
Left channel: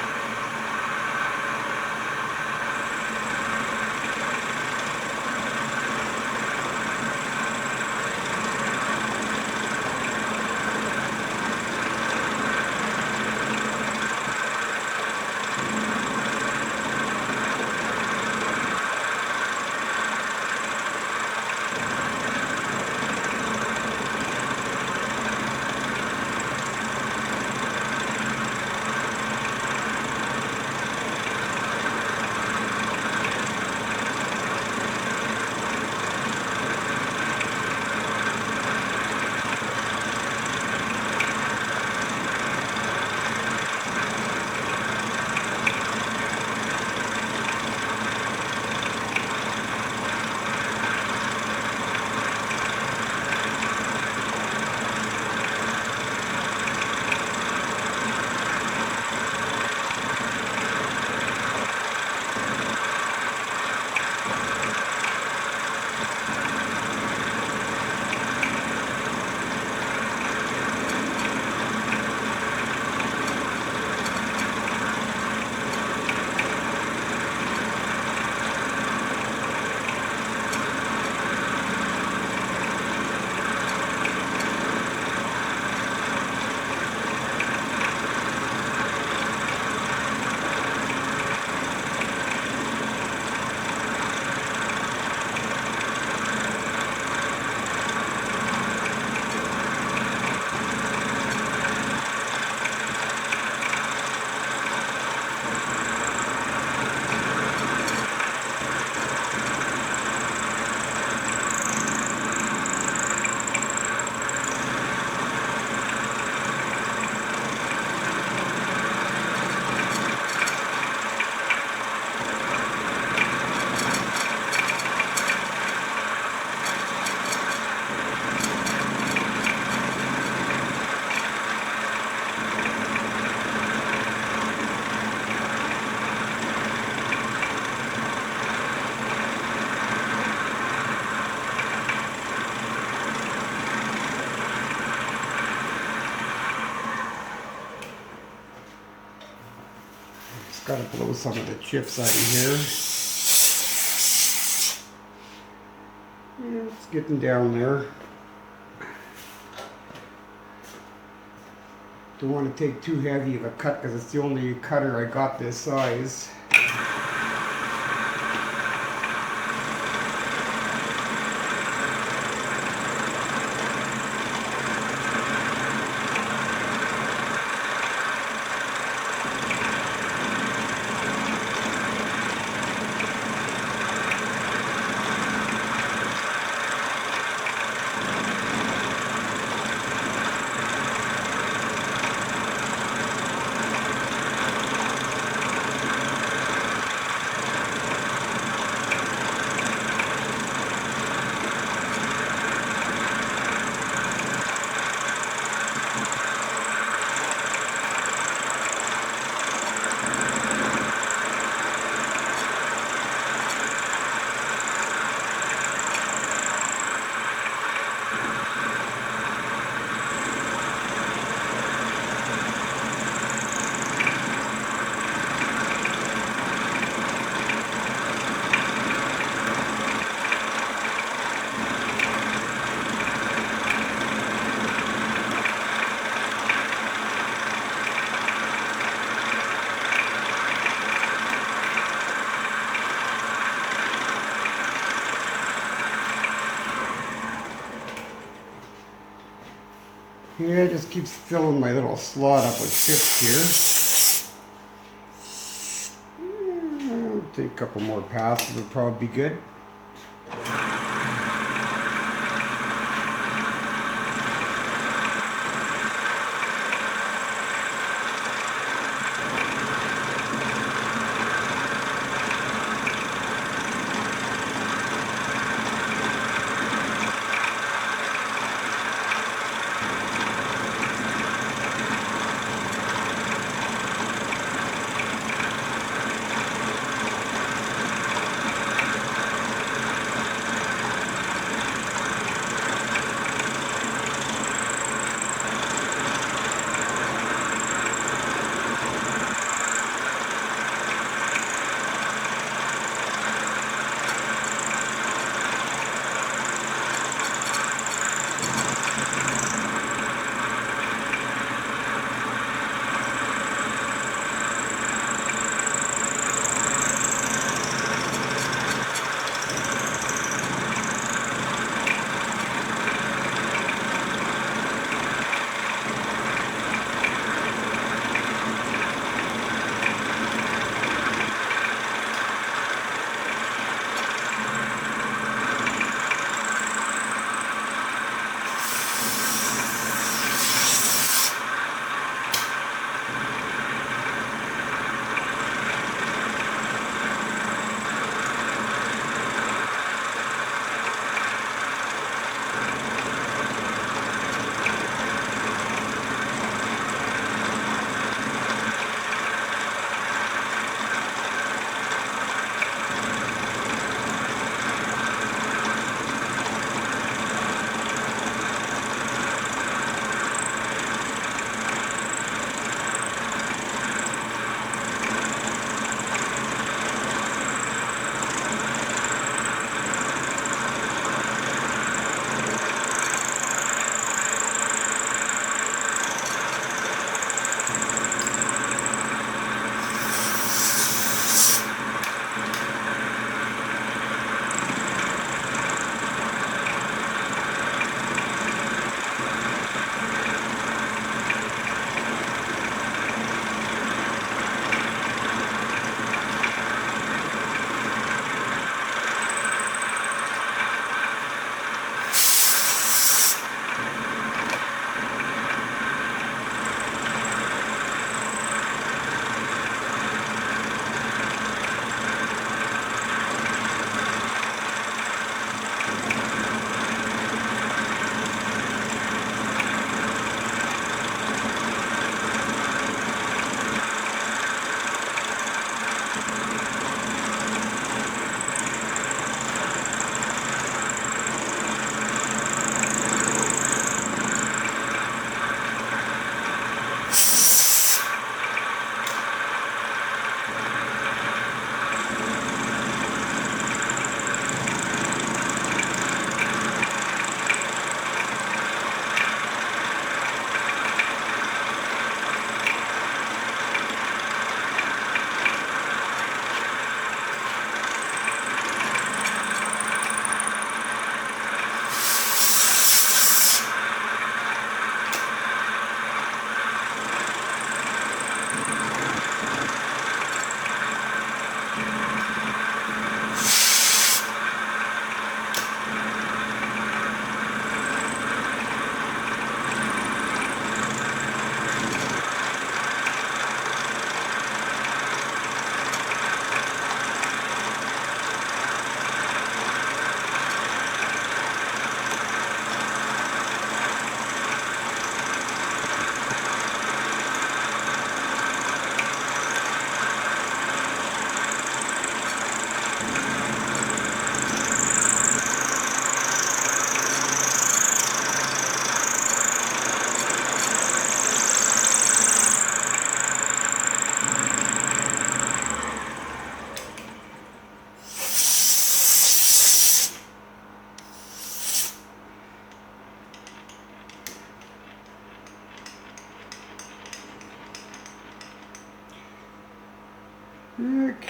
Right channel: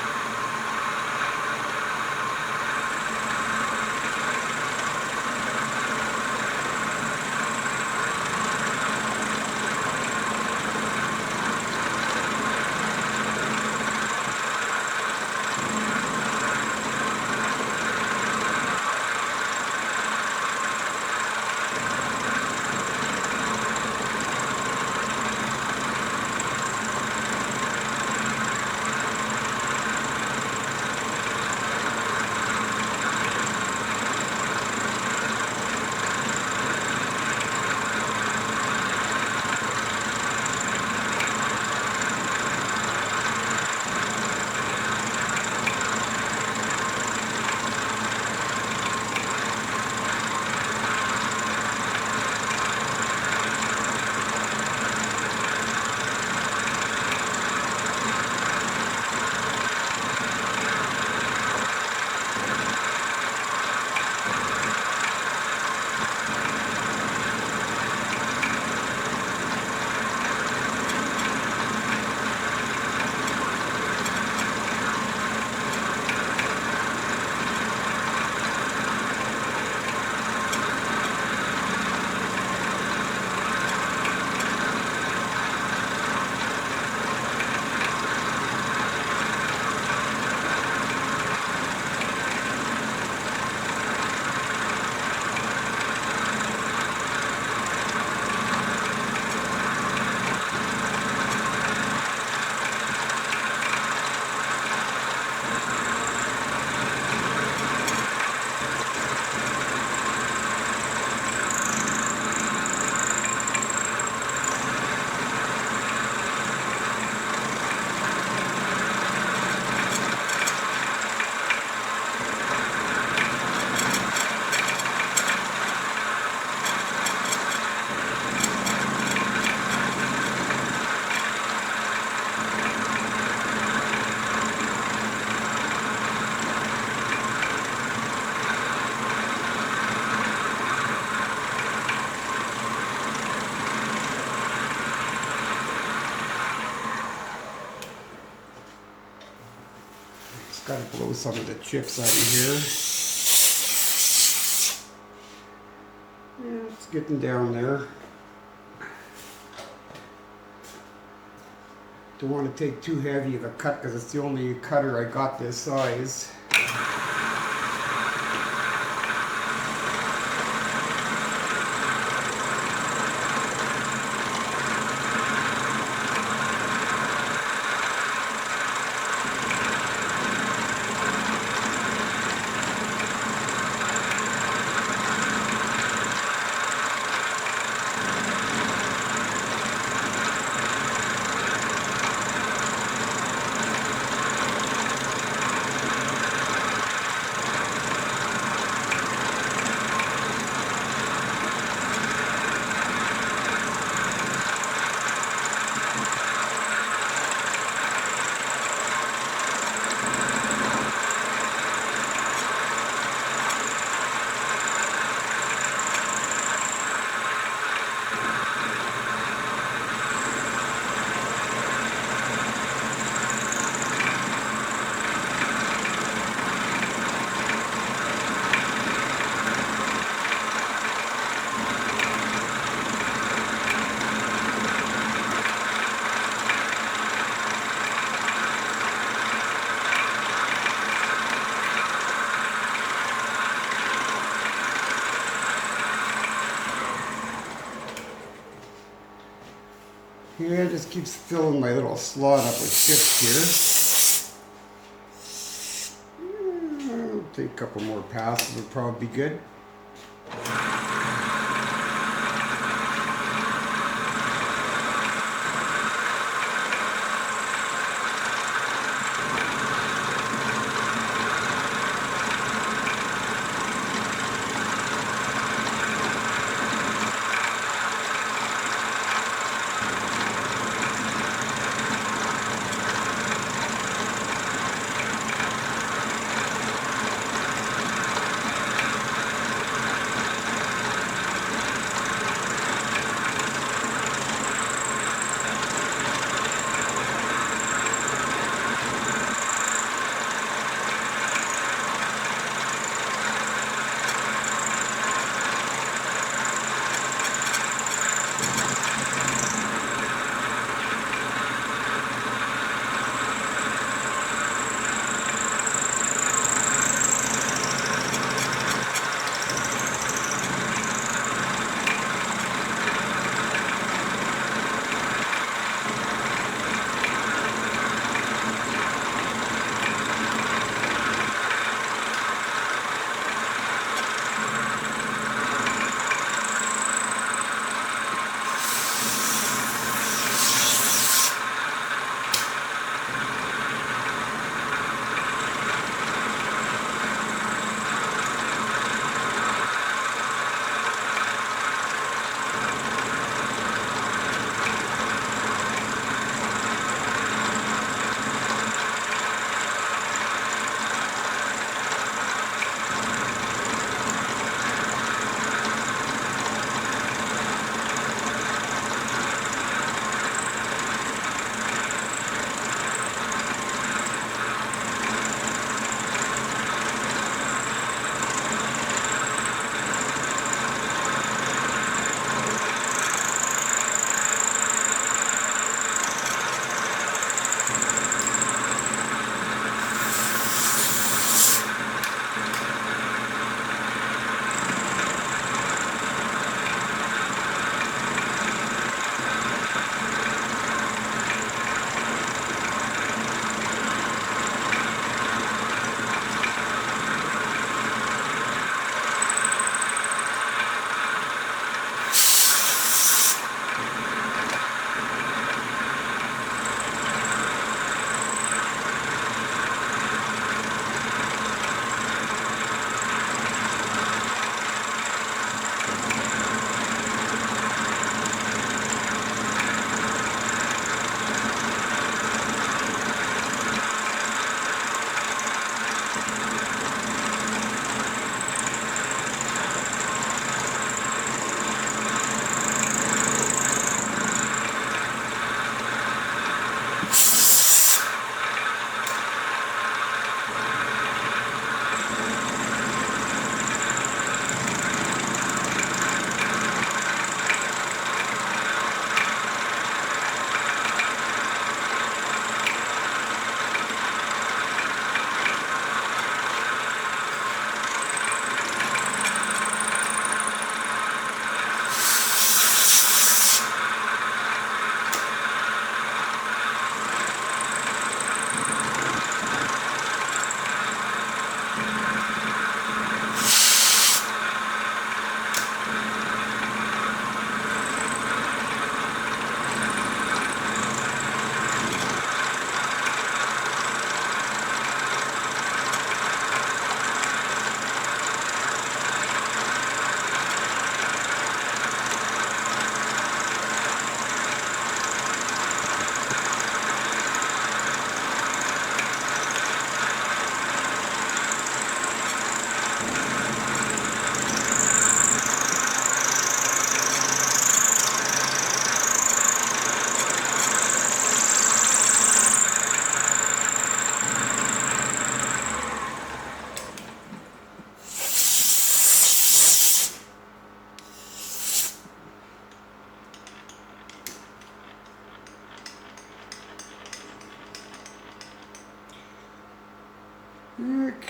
Got to blow some of the chips out of here. Yeah, it's getting down there. Don't want to take too heavy of a cut because it's the only cutter I got this size. Yeah, it just keeps filling my little slot up with chips here. Take a couple more passes would probably be good.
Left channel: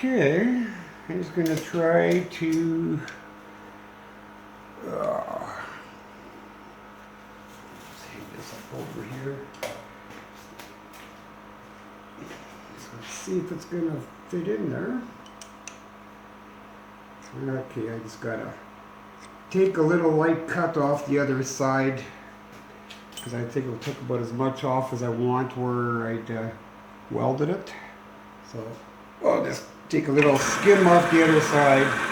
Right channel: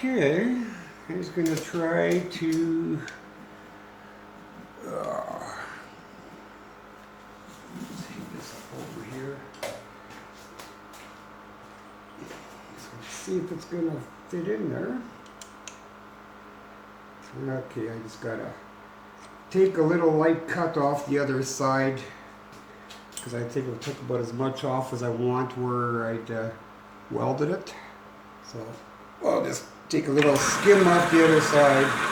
Okay, I'm just going to try to take this up over here. Let's see if it's going to fit in there. Okay, I just gotta take a little light cut off the other side because I think it'll take about as much off as I want where I'd welded it. So I'll just take a little skim off the other side.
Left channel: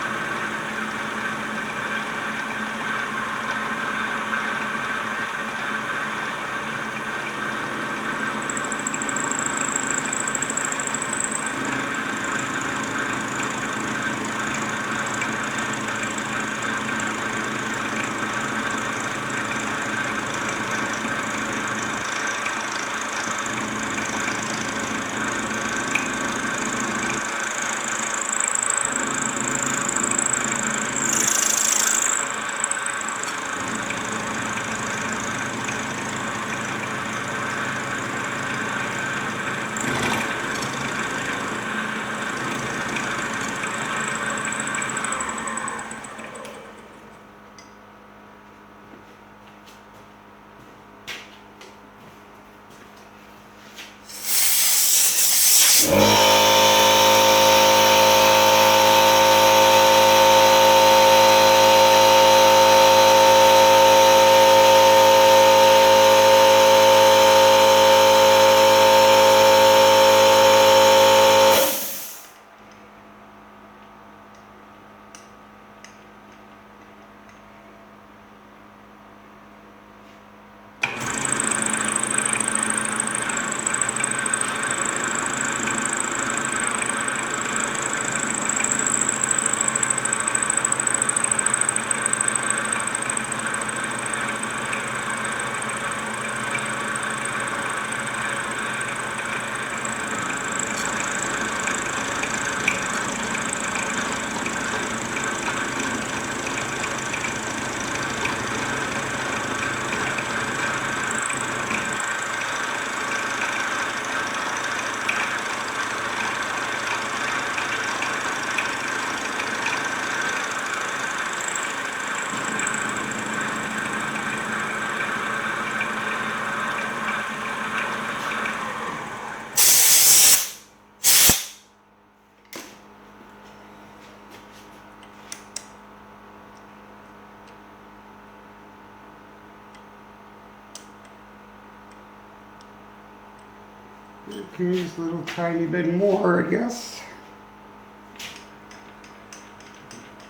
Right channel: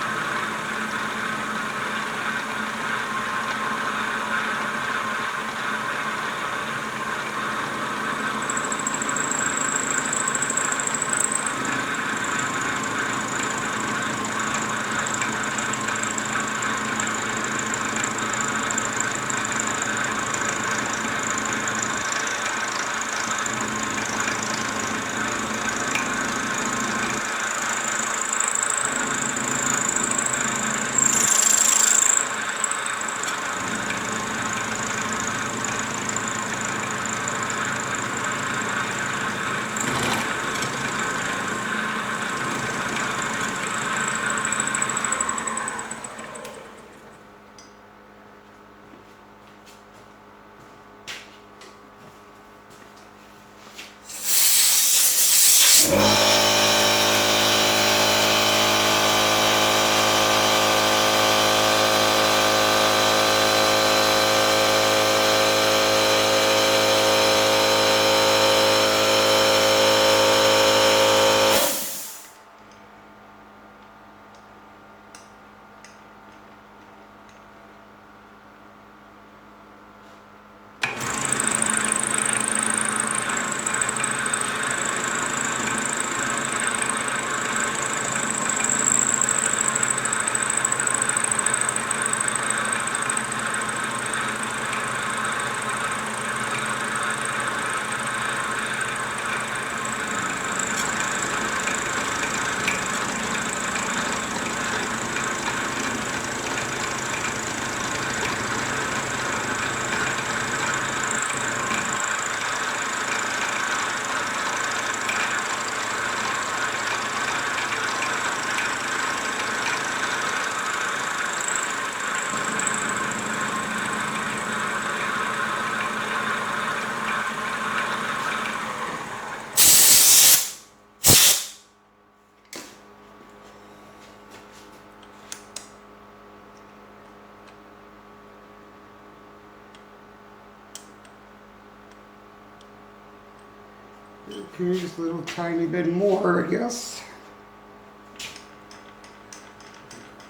Okay, just a little tiny bit more, I guess.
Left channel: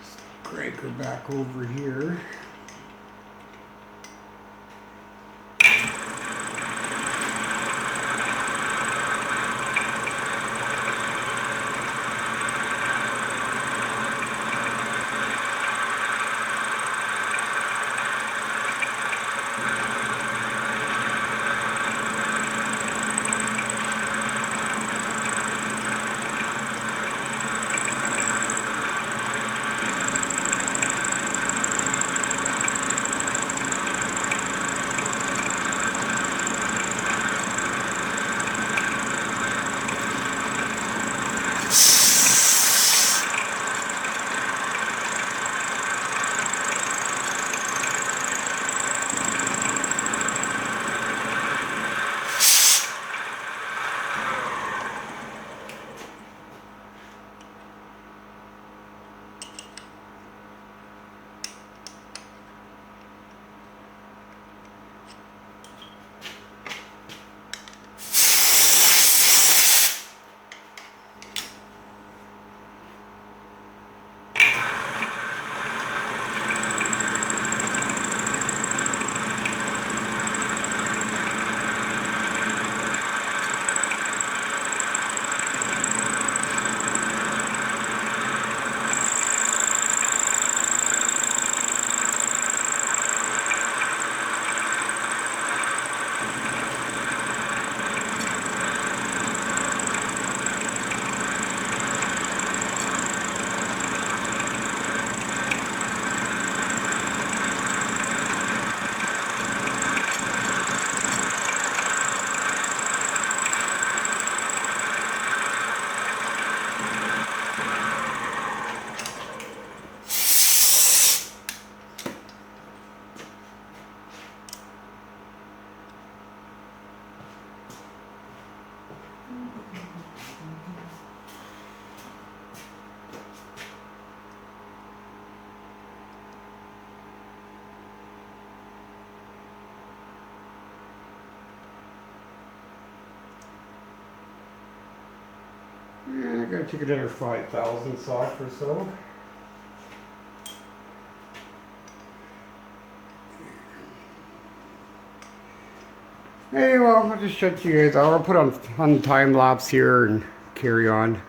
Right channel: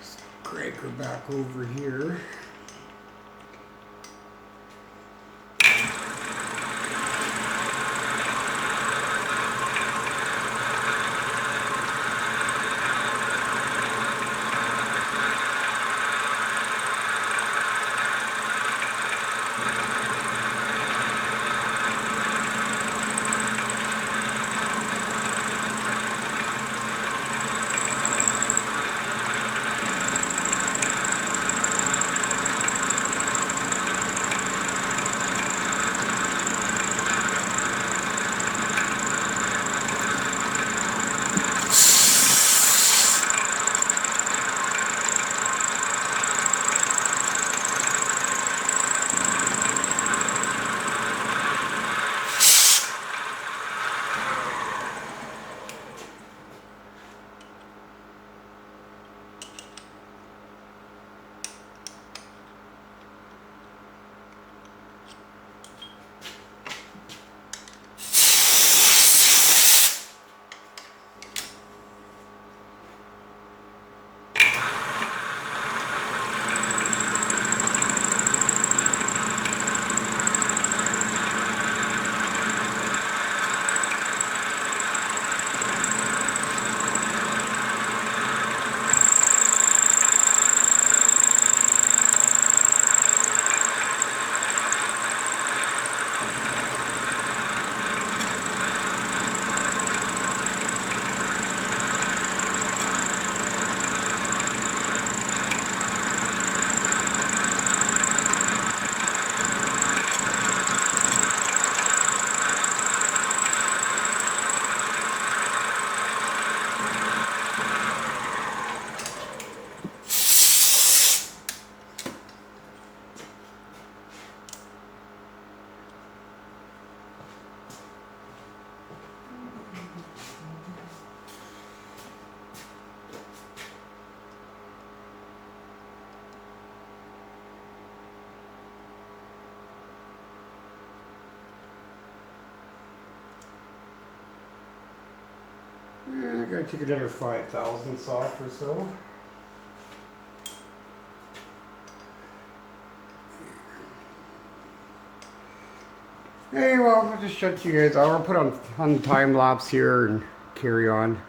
Just crank her back over here. I gotta take another 5 thousandths off or so. Hey, well, I'll just shut you guys. I'll put on time lapse here and carry on.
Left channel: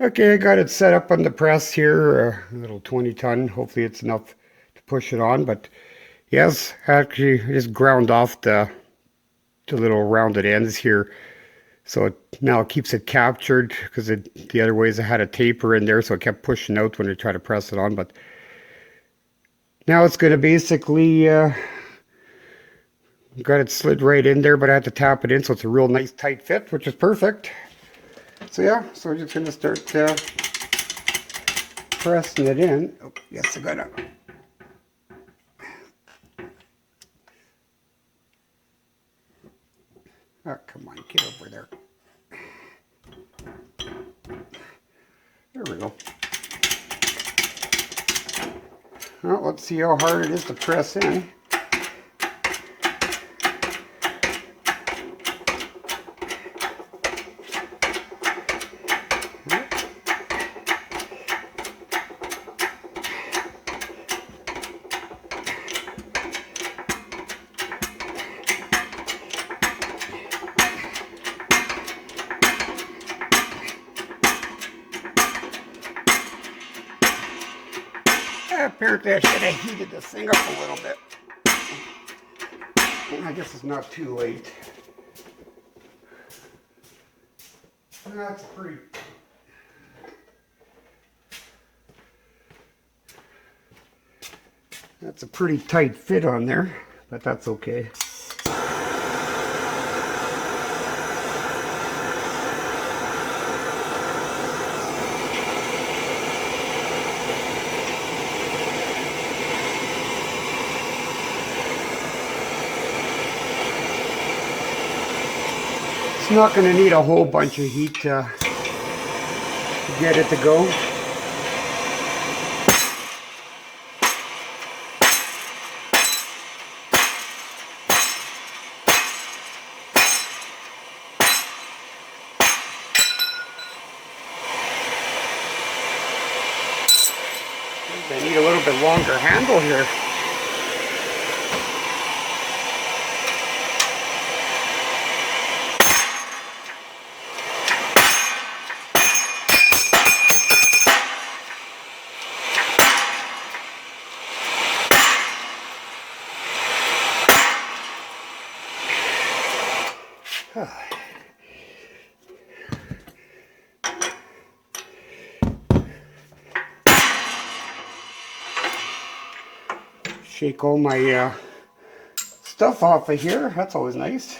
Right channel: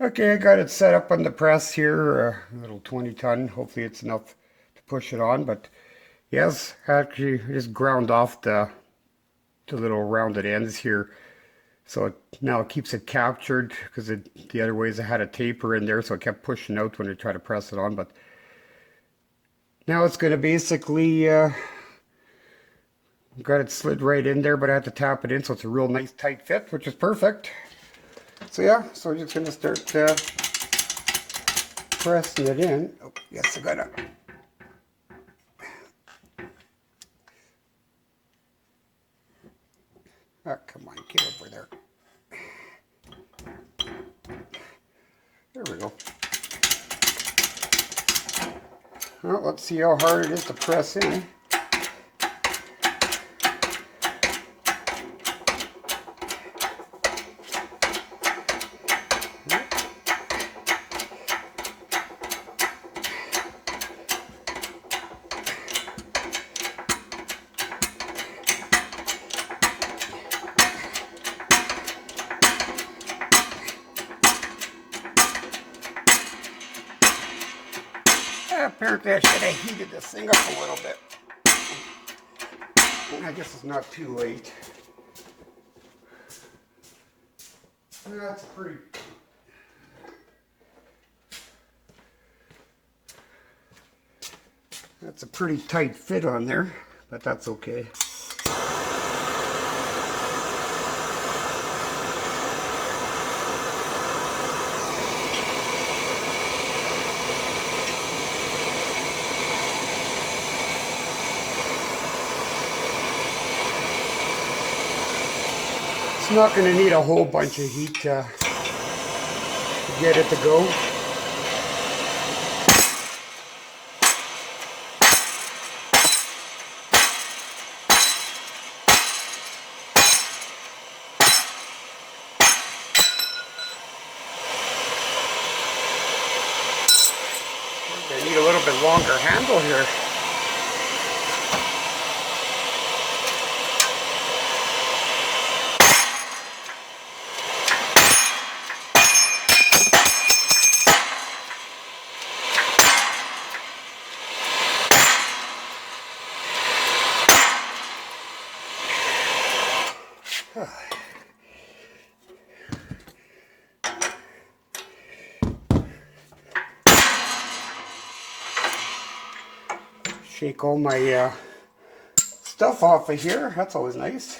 Okay, I got it set up on the press here, a little 20-ton. Hopefully it's enough to push it on, but yes, actually I just ground off the little rounded ends here. So now it keeps it captured because the other ways I had a taper in there, so it kept pushing out when I try to press it on. But now it's going to basically got it slid right in there, but I had to tap it in, so it's a real nice tight fit, which is perfect. So yeah, so I'm just going to start pressing it in. Oh, yes, I got it. Oh, come on, get over there. There we go. Well, let's see how hard it is to press in. Apparently I should have heated this thing up a little bit. I guess it's not too late. That's a pretty tight fit on there, but that's okay. It's not going to need a whole bunch of heat to get it to go. I need a little bit longer handle here. Shake all my stuff off of here. That's always nice.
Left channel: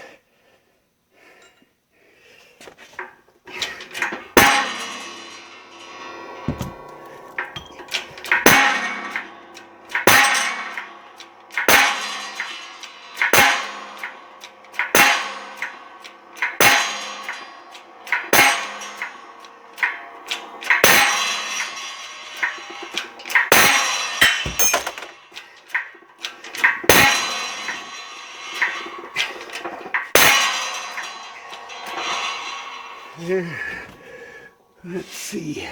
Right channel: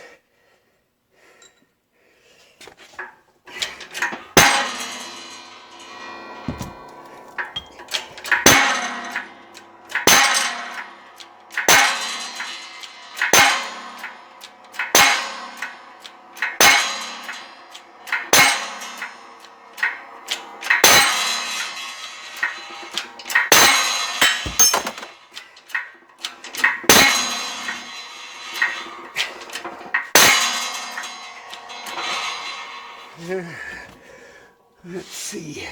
Let's see.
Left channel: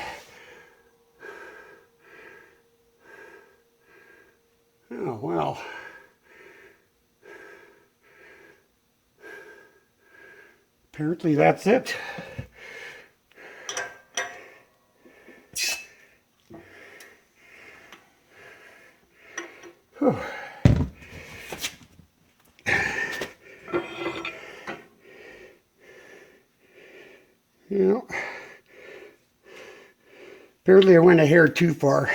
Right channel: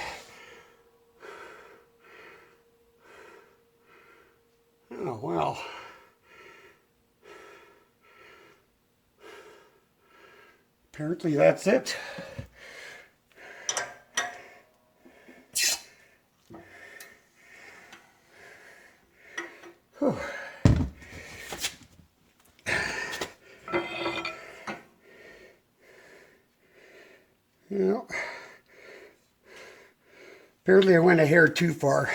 Oh, well, well. Apparently that's it. Whew. You know, apparently I went a hair too far.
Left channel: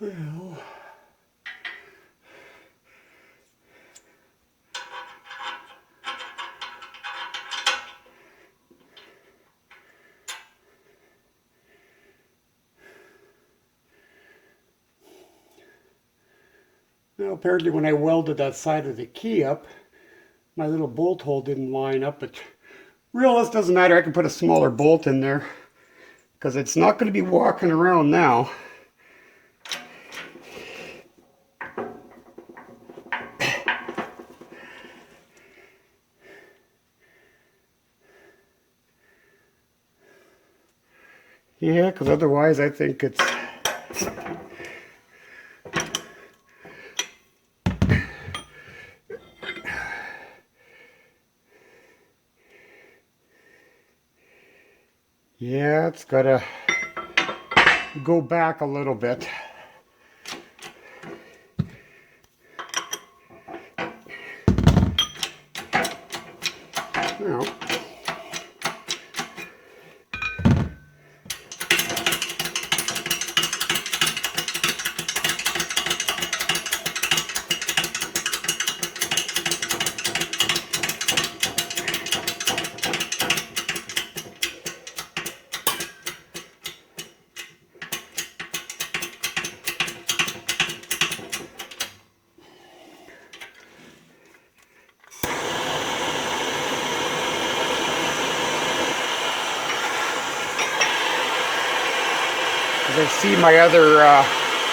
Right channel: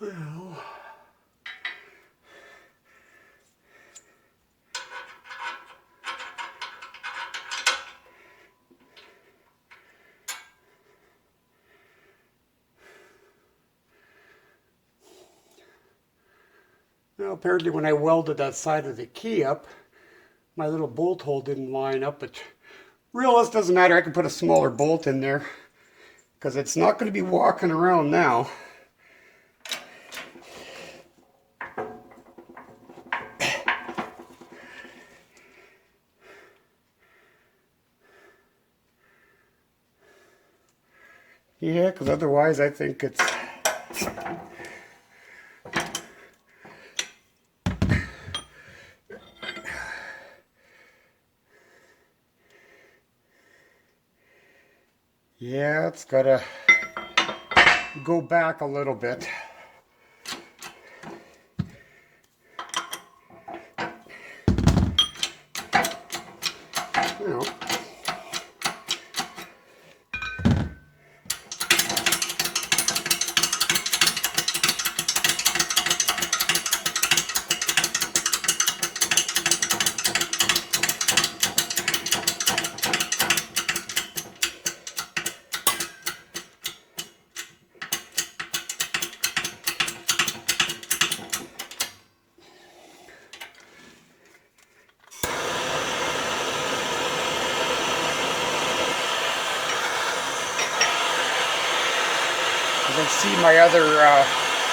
Well, now apparently when I welded that side of the key up, my little bolt hole didn't line up, but realist doesn't matter. I can put a smaller bolt in there because it's not going to be walking around now. Yeah, because otherwise I think it's... Yeah, it's got to go back a little bit. Well, I see my other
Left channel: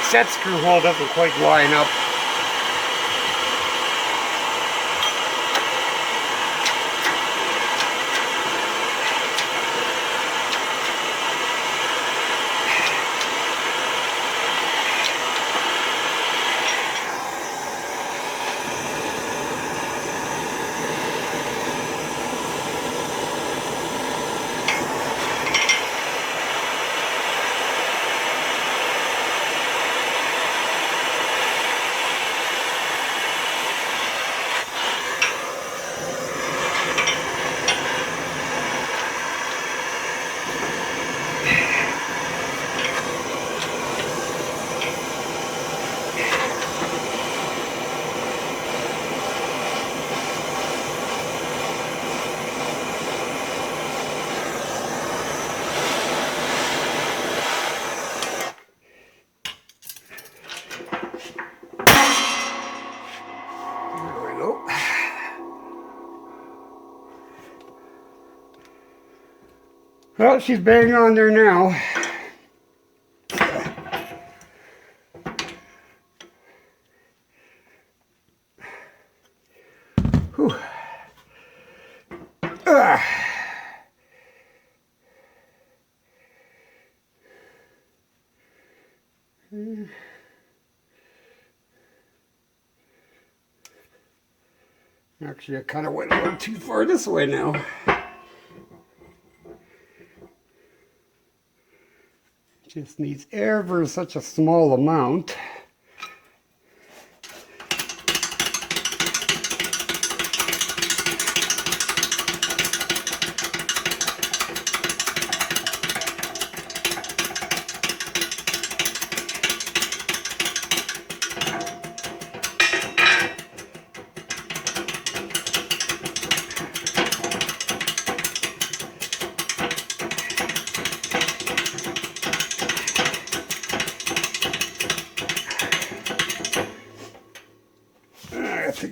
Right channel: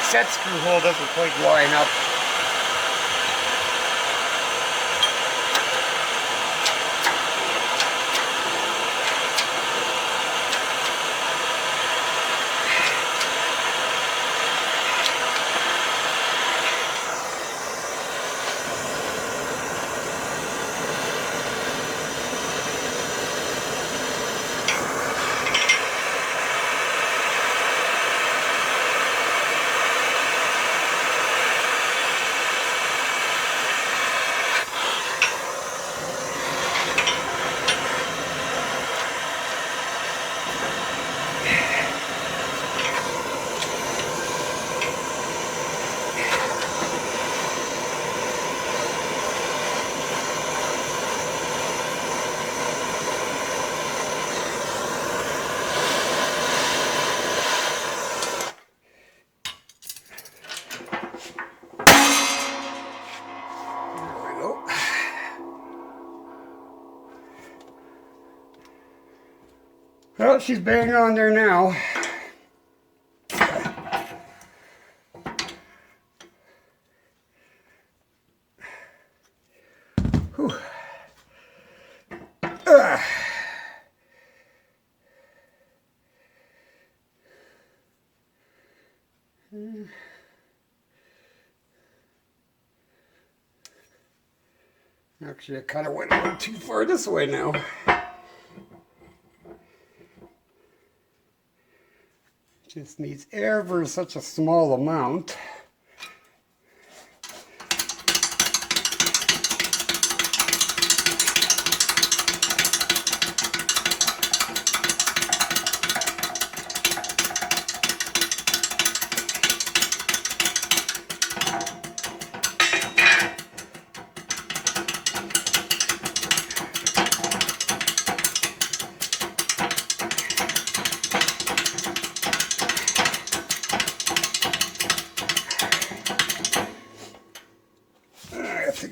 set screw hole doesn't quite line up. Well, she's banging on there now. Whew. Actually, I kind of went a little too far this way now. Just needs ever such a small amount.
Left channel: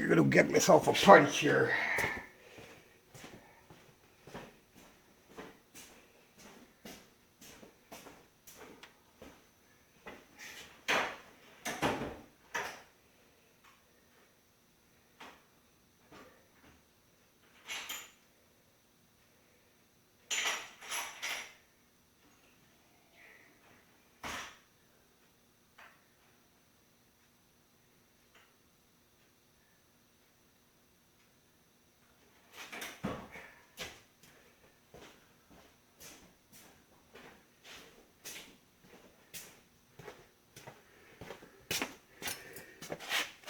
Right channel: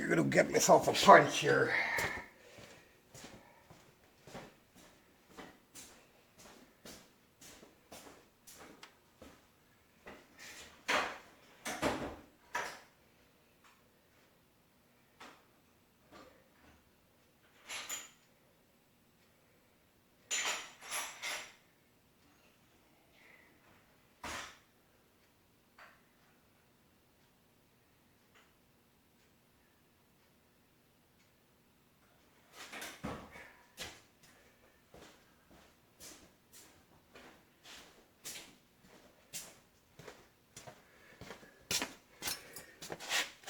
I'm gonna get myself a punch here.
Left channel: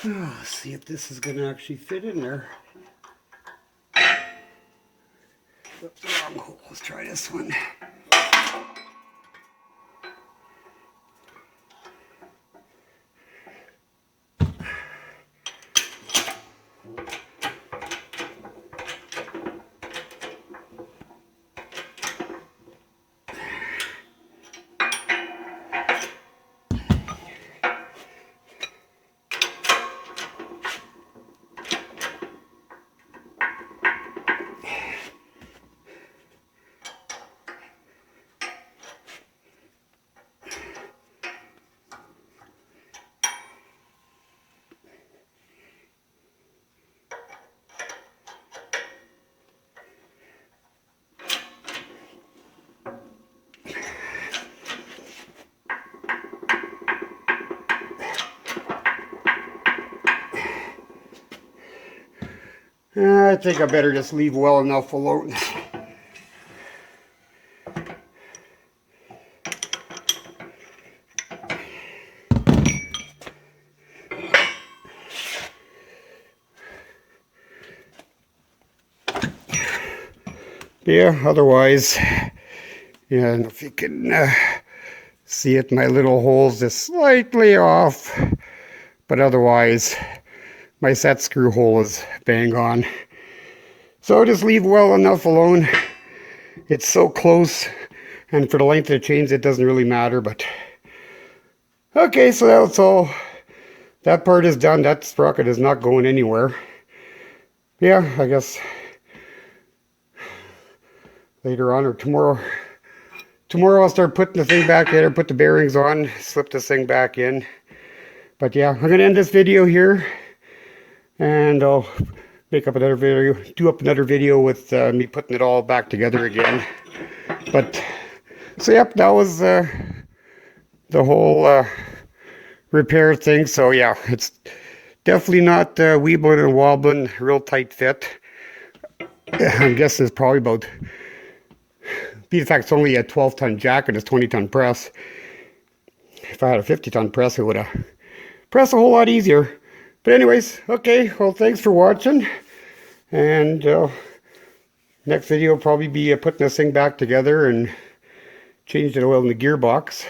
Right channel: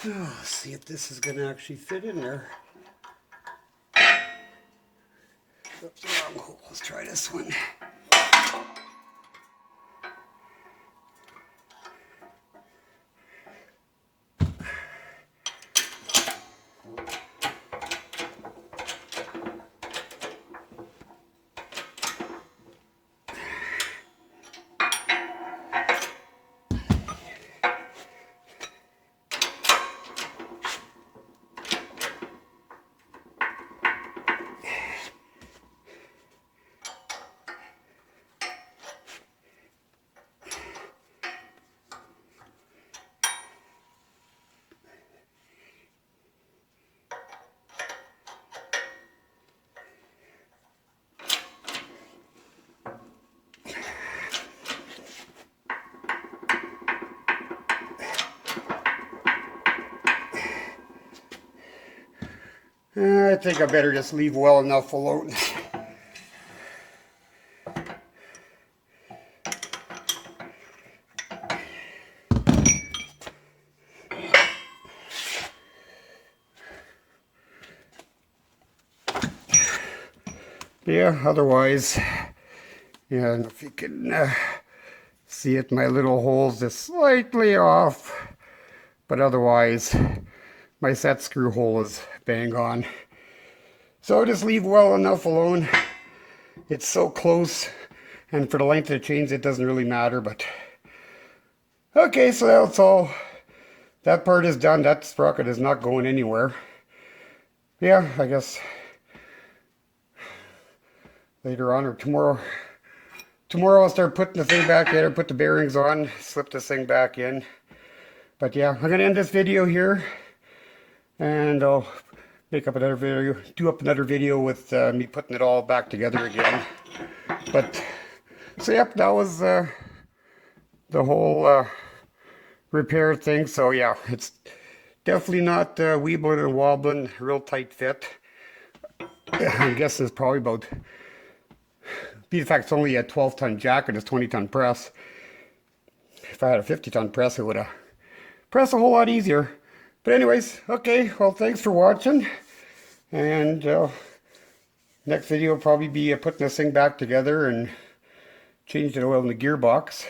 Oh, see if this is going to actually fit in there. Oops, wrong hole. Let's try this one. I think I better just leave well enough alone. Yeah, otherwise, yeah, and if you can see it, my little hole's just slightly off, but otherwise, my set screw hole is bang on. So just leave well enough alone. It's so close, and for the length of the chains, it doesn't really matter, but okay, so that's all. That part is done. That sprocket is not going anywhere. Yeah, I guess later on or tomorrow I'll start putting the thing back in, put the bearings on, slip this thing back in. But yeah, I'm going to end this video here, and I'll make up another video, do up another video with me putting it all back together again. But, so yep, that was the whole repair thing. So yeah, it's definitely not weebling and wobbling, real tight fit. I'm guessing it's probably about, be the fact it's only a 12-ton jack and it's 20-ton press. If I had a 50-ton press, it would have pressed a whole lot easier. But anyways, okay, well, thanks for watching. And next video will probably be putting this thing back together and changing the oil in the gearbox.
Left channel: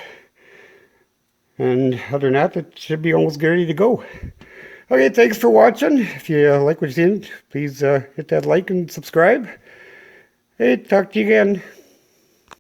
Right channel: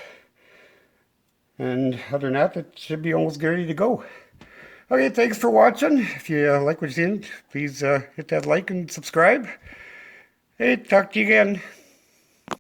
And other than that, it should be almost ready to go. Okay, thanks for watching. If you like what you're seeing, please hit that like and subscribe. Hey, talk to you again.